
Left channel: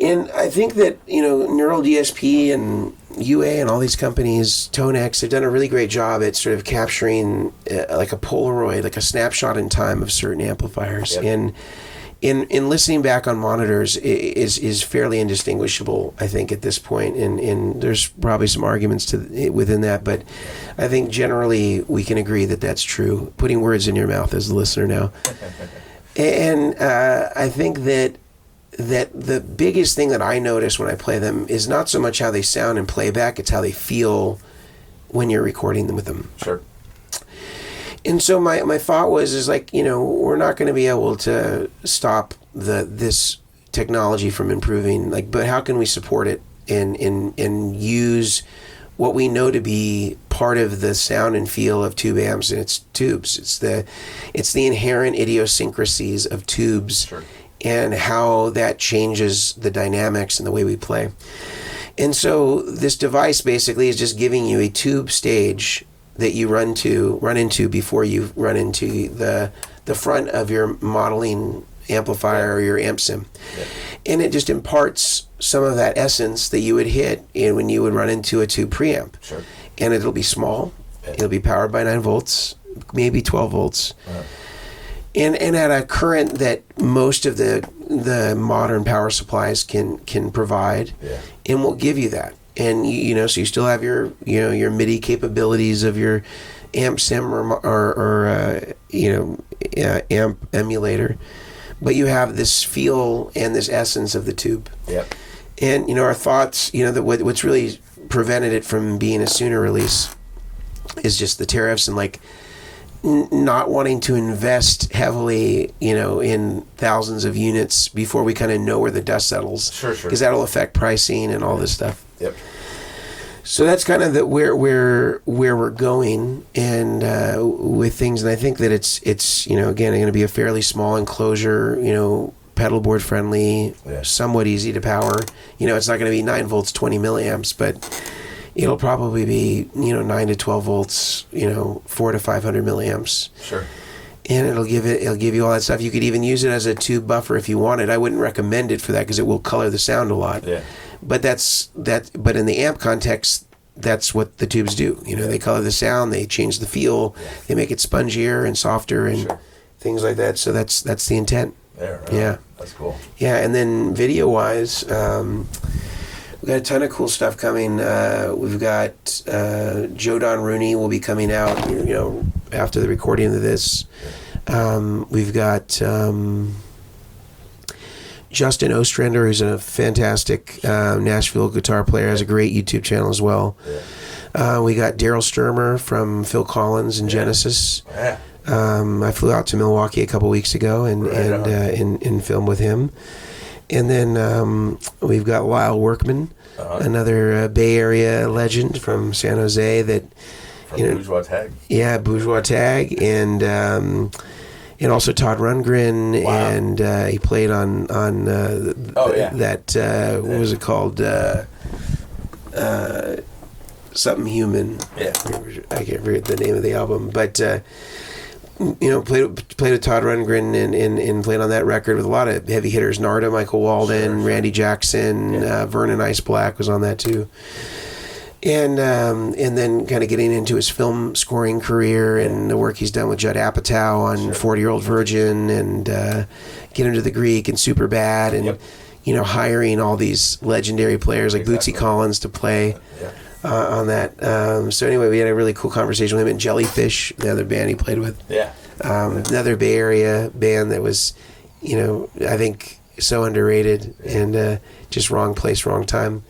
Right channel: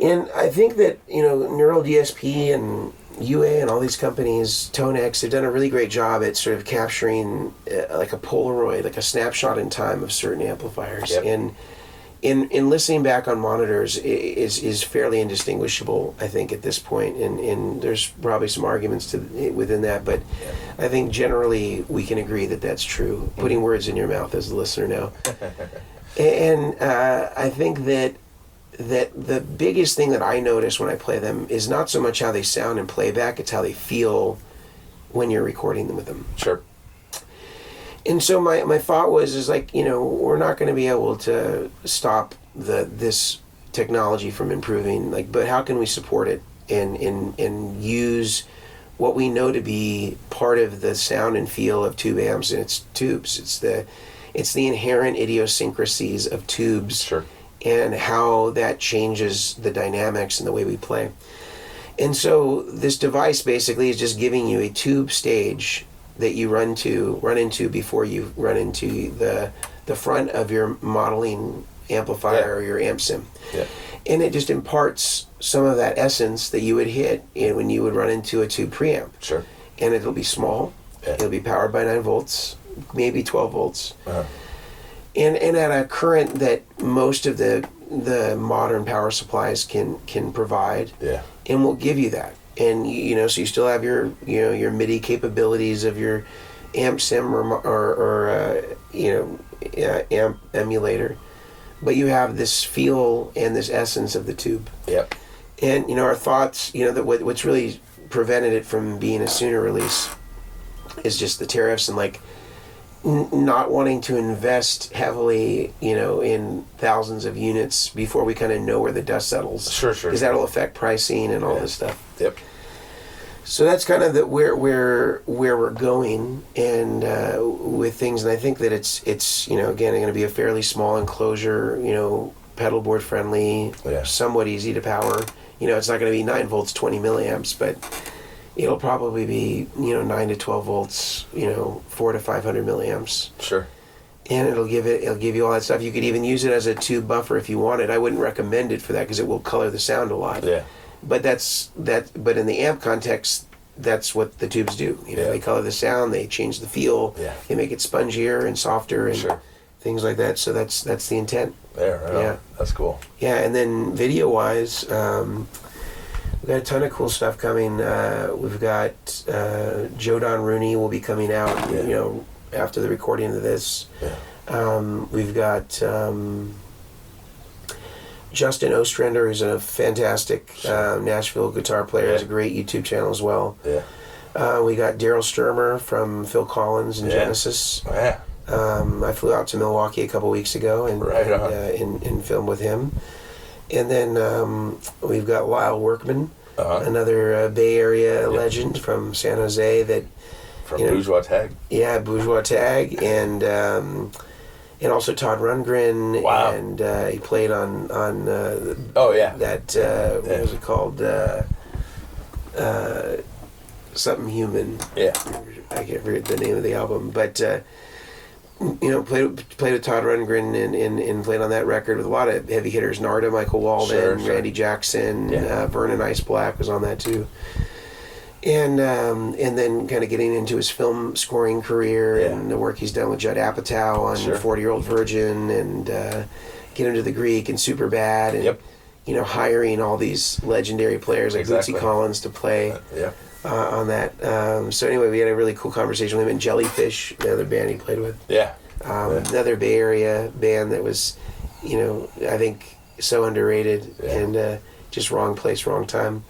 And I think that, Neural DSP and UA and all these companies, ToneX, they've done a really great job at sort of capturing like a Polaroid, like a snapshot in time of certain amplifiers. Yep. And in listening back on monitors is fairly indistinguishable, I think, at this point. And there's probably some arguments within that, but I think generally we can agree that that's true. Putting words in your mouth as a listener now. And I think that the biggest thing that I notice when I play them is not so much how they sound in playback, it's how they feel when you're recording them with them. Sure. And so my thought was we're not going to be able to stop this technology from improving, but how can we support it and use what we know to be part of the sound and feel of tube amps, and it's tubes. It's the inherent idiosyncrasies of tubes. Sure. And how that changes the dynamics and the way we play. And so this device basically is just giving you a tube stage that you run into before you run into the front of your modeling amplifier or your amp sim. Yeah. And it just imparts some of that essence that you would hit when you would run into a tube preamp. Sure. And it'll be small. Yeah. It'll be powered by 9 volts, maybe 12 volts. Uh-huh. And at a current that most of the modern power supplies can provide, and will give you that. And so you still have your your MIDI capabilities of your amp sim or amp emulator, but you have this feel and this essence of the tube. Yep. And our thoughts, that what's really prevented it from being a sooner release is just the tariffs and not wanting to invest heavily, in thousands of units before we kind of know where the dust settles. Sure. Because that'll affect pricing and all this stuff. Yep. So that's kind of where we're going and with things, and I think that it's again going to be a fairly small enclosure, pedalboard friendly, somewhat easy to power. It's not going to be 9 volts, 20 milliamps, but it'll probably be 9 to 12 volts, 4 to 500 milliamps. Sure. And it'll give you all that stuff. You could even use it as a tube buffer if you wanted. I wouldn't recommend it for that because it will color the sound a lot. Yeah. But but in the amp context, that's what the tubes do. They color the sound, they change the feel, they make it spongier and softer and things like that. So that's the intent. Yeah. That's cool. Yeah, and then video wise, we've got a ton of cool stuff coming. We've got Joe Don Rooney will be coming out, after the recording of this. We've got Justin Ostrander, who's a fantastic Nashville guitar player, has a great YouTube channel as well. Yeah. We got Daryl Sturmer from Phil Collins and Genesis. Yeah. I flew out to Milwaukee a couple weeks ago and filmed with him. And then we've got Lyle Workman, another Bay Area legend from San Jose from Bourgeois Tag. Yeah, Bourgeois Tag, and also Todd Rundgren, and he played on what was it called? Something Human. Yeah. I can't remember the name of the album, but played with Todd Rundgren and played on that record with a lot of heavy hitters. Narda, Michael Walden, Sure. Randy Jackson, Vernon Ice Black was on that too. And then kind of getting into his film scoring career and the work he's done with Judd Apatow on 40-Year-Old Virgin and Get Into the Greek and Superbad and hiring all these legendary players like Bootsy Collins to play on that. So anyway, we had a really cool conversation with him and Jellyfish, the other band he played with. Another Bay Area band that was, I think so underrated and just wrong place, wrong time.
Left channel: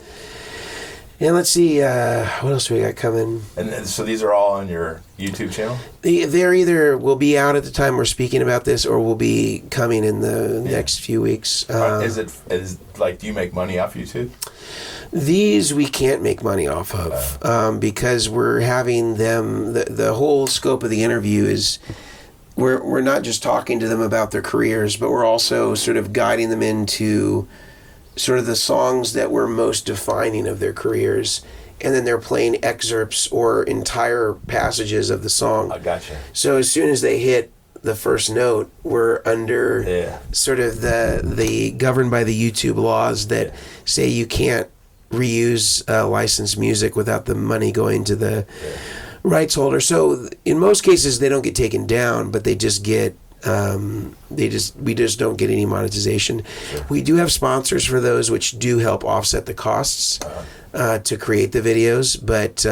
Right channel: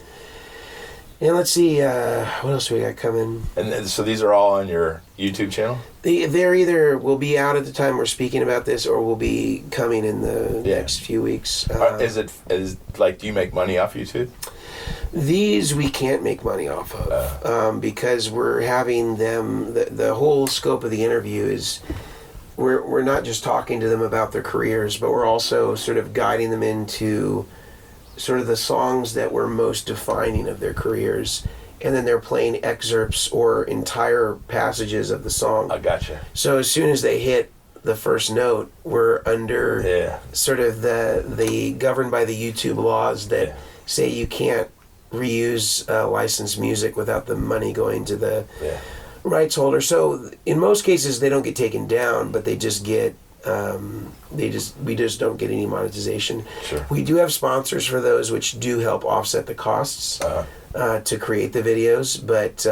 And let's see, what else we got coming? And so these are all on your YouTube channel? They're either will be out at the time we're speaking about this, or will be coming in the next few weeks. Is do you make money off YouTube? These we can't make money off of because we're having them. The whole scope of the interview is we're not just talking to them about their careers, but we're also sort of guiding them into sort of the songs that were most defining of their careers, and then they're playing excerpts or entire passages of the song. I gotcha. So as soon as they hit the first note, we're under sort of the governed by the YouTube laws that say you can't reuse licensed music without the money going to the rights holder. So in most cases they don't get taken down, but they just get we just don't get any monetization. Sure. We do have sponsors for those, which do help offset the costs to create the videos, but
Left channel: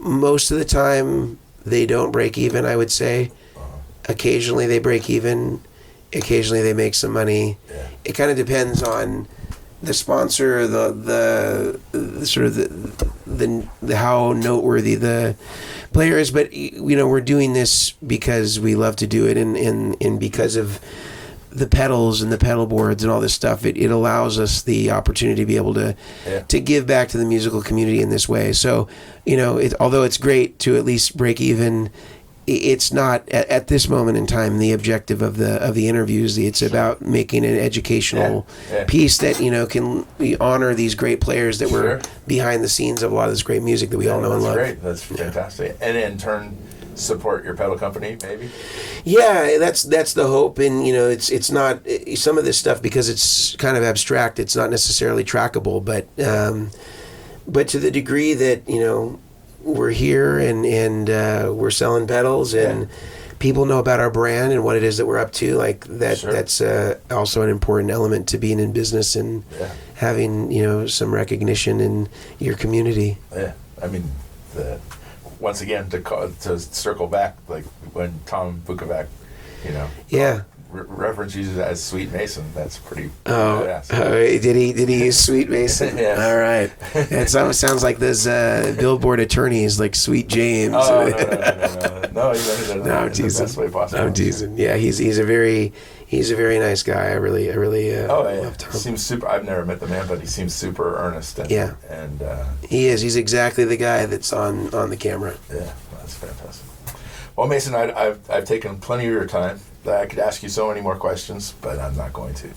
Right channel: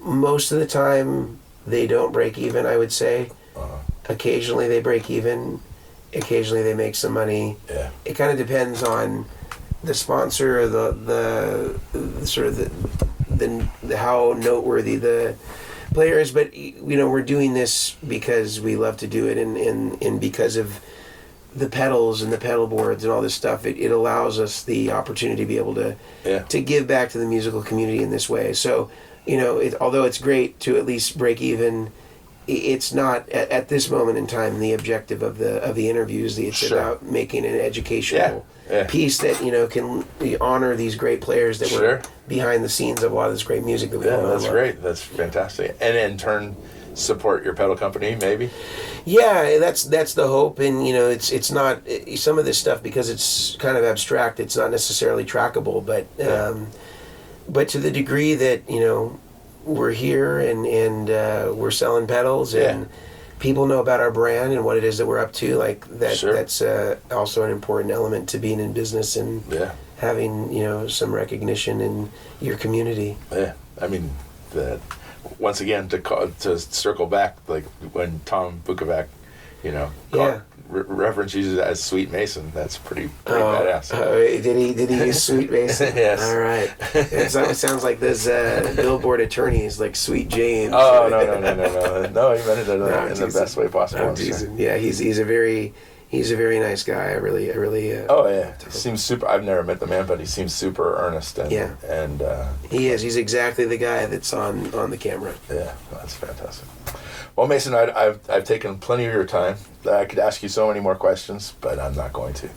most of the time they don't break even, I would say. Occasionally they break even, occasionally they make some money. It kind of depends on the sponsor, the sort of the how noteworthy the player is, but we're doing this because we love to do it, and because of the pedals and the pedal boards and all this stuff, it allows us the opportunity to be able to give back to the musical community in this way. So although it's great to at least break even, it's not at this moment in time the objective of the interviews. It's about making an educational piece that can honor these great players that were behind the scenes of a lot of this great music that we all know and love. That's great. That's fantastic. And in turn, support your pedal company, maybe. Yeah, that's the hope. And it's not some of this stuff, because it's kind of abstract. It's not necessarily trackable, but to the degree that we're here and we're selling pedals and people know about our brand and what it is that we're up to, that's also an important element to being in business and having some recognition in your community. I mean, once again, to circle back, like when Tom Bukovac reference uses it as Sweet Mason. That's pretty badass. Did he use Sweet Mason? Yes. All right. It sounds like those billboard attorneys, like Sweet James. Oh, no. No, he meant it in the best way possible. I'm teasing. Yeah, he's a very nice guy. I really. Love Tom. Seems super. I've never met the man, but he seems super earnest. And he is. He's exactly the guy that's on the camera. Yeah, that's fantastic. Well, Mason, I've taken plenty of your time. I could ask you so many more questions, but I'm not going to.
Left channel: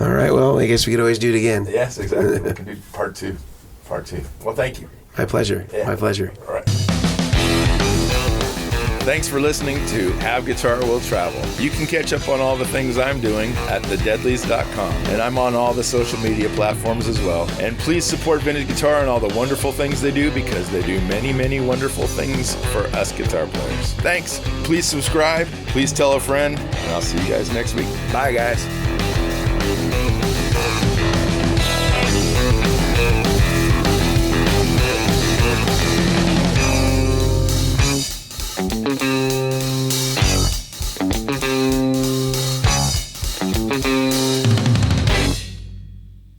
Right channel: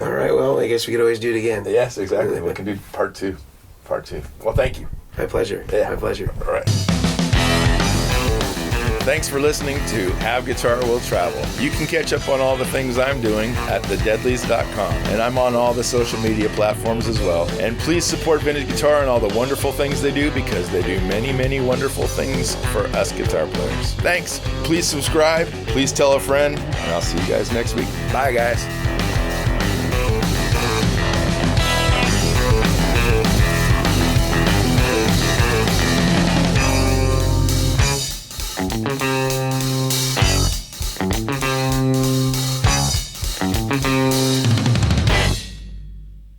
All right. Well, I guess we could always do it again. Yes, exactly. We can do part two. Well, thank you. My pleasure. Yeah. My pleasure. All right. Thanks for listening to Have Guitar Will Travel. You can catch up on all the things I'm doing at thedeadlies.com, and I'm on all the social media platforms as well. And please support Vintage Guitar and all the wonderful things they do, because they do many, many wonderful things for us guitar players. Thanks. Please subscribe. Please tell a friend, and I'll see you guys next week. Bye, guys.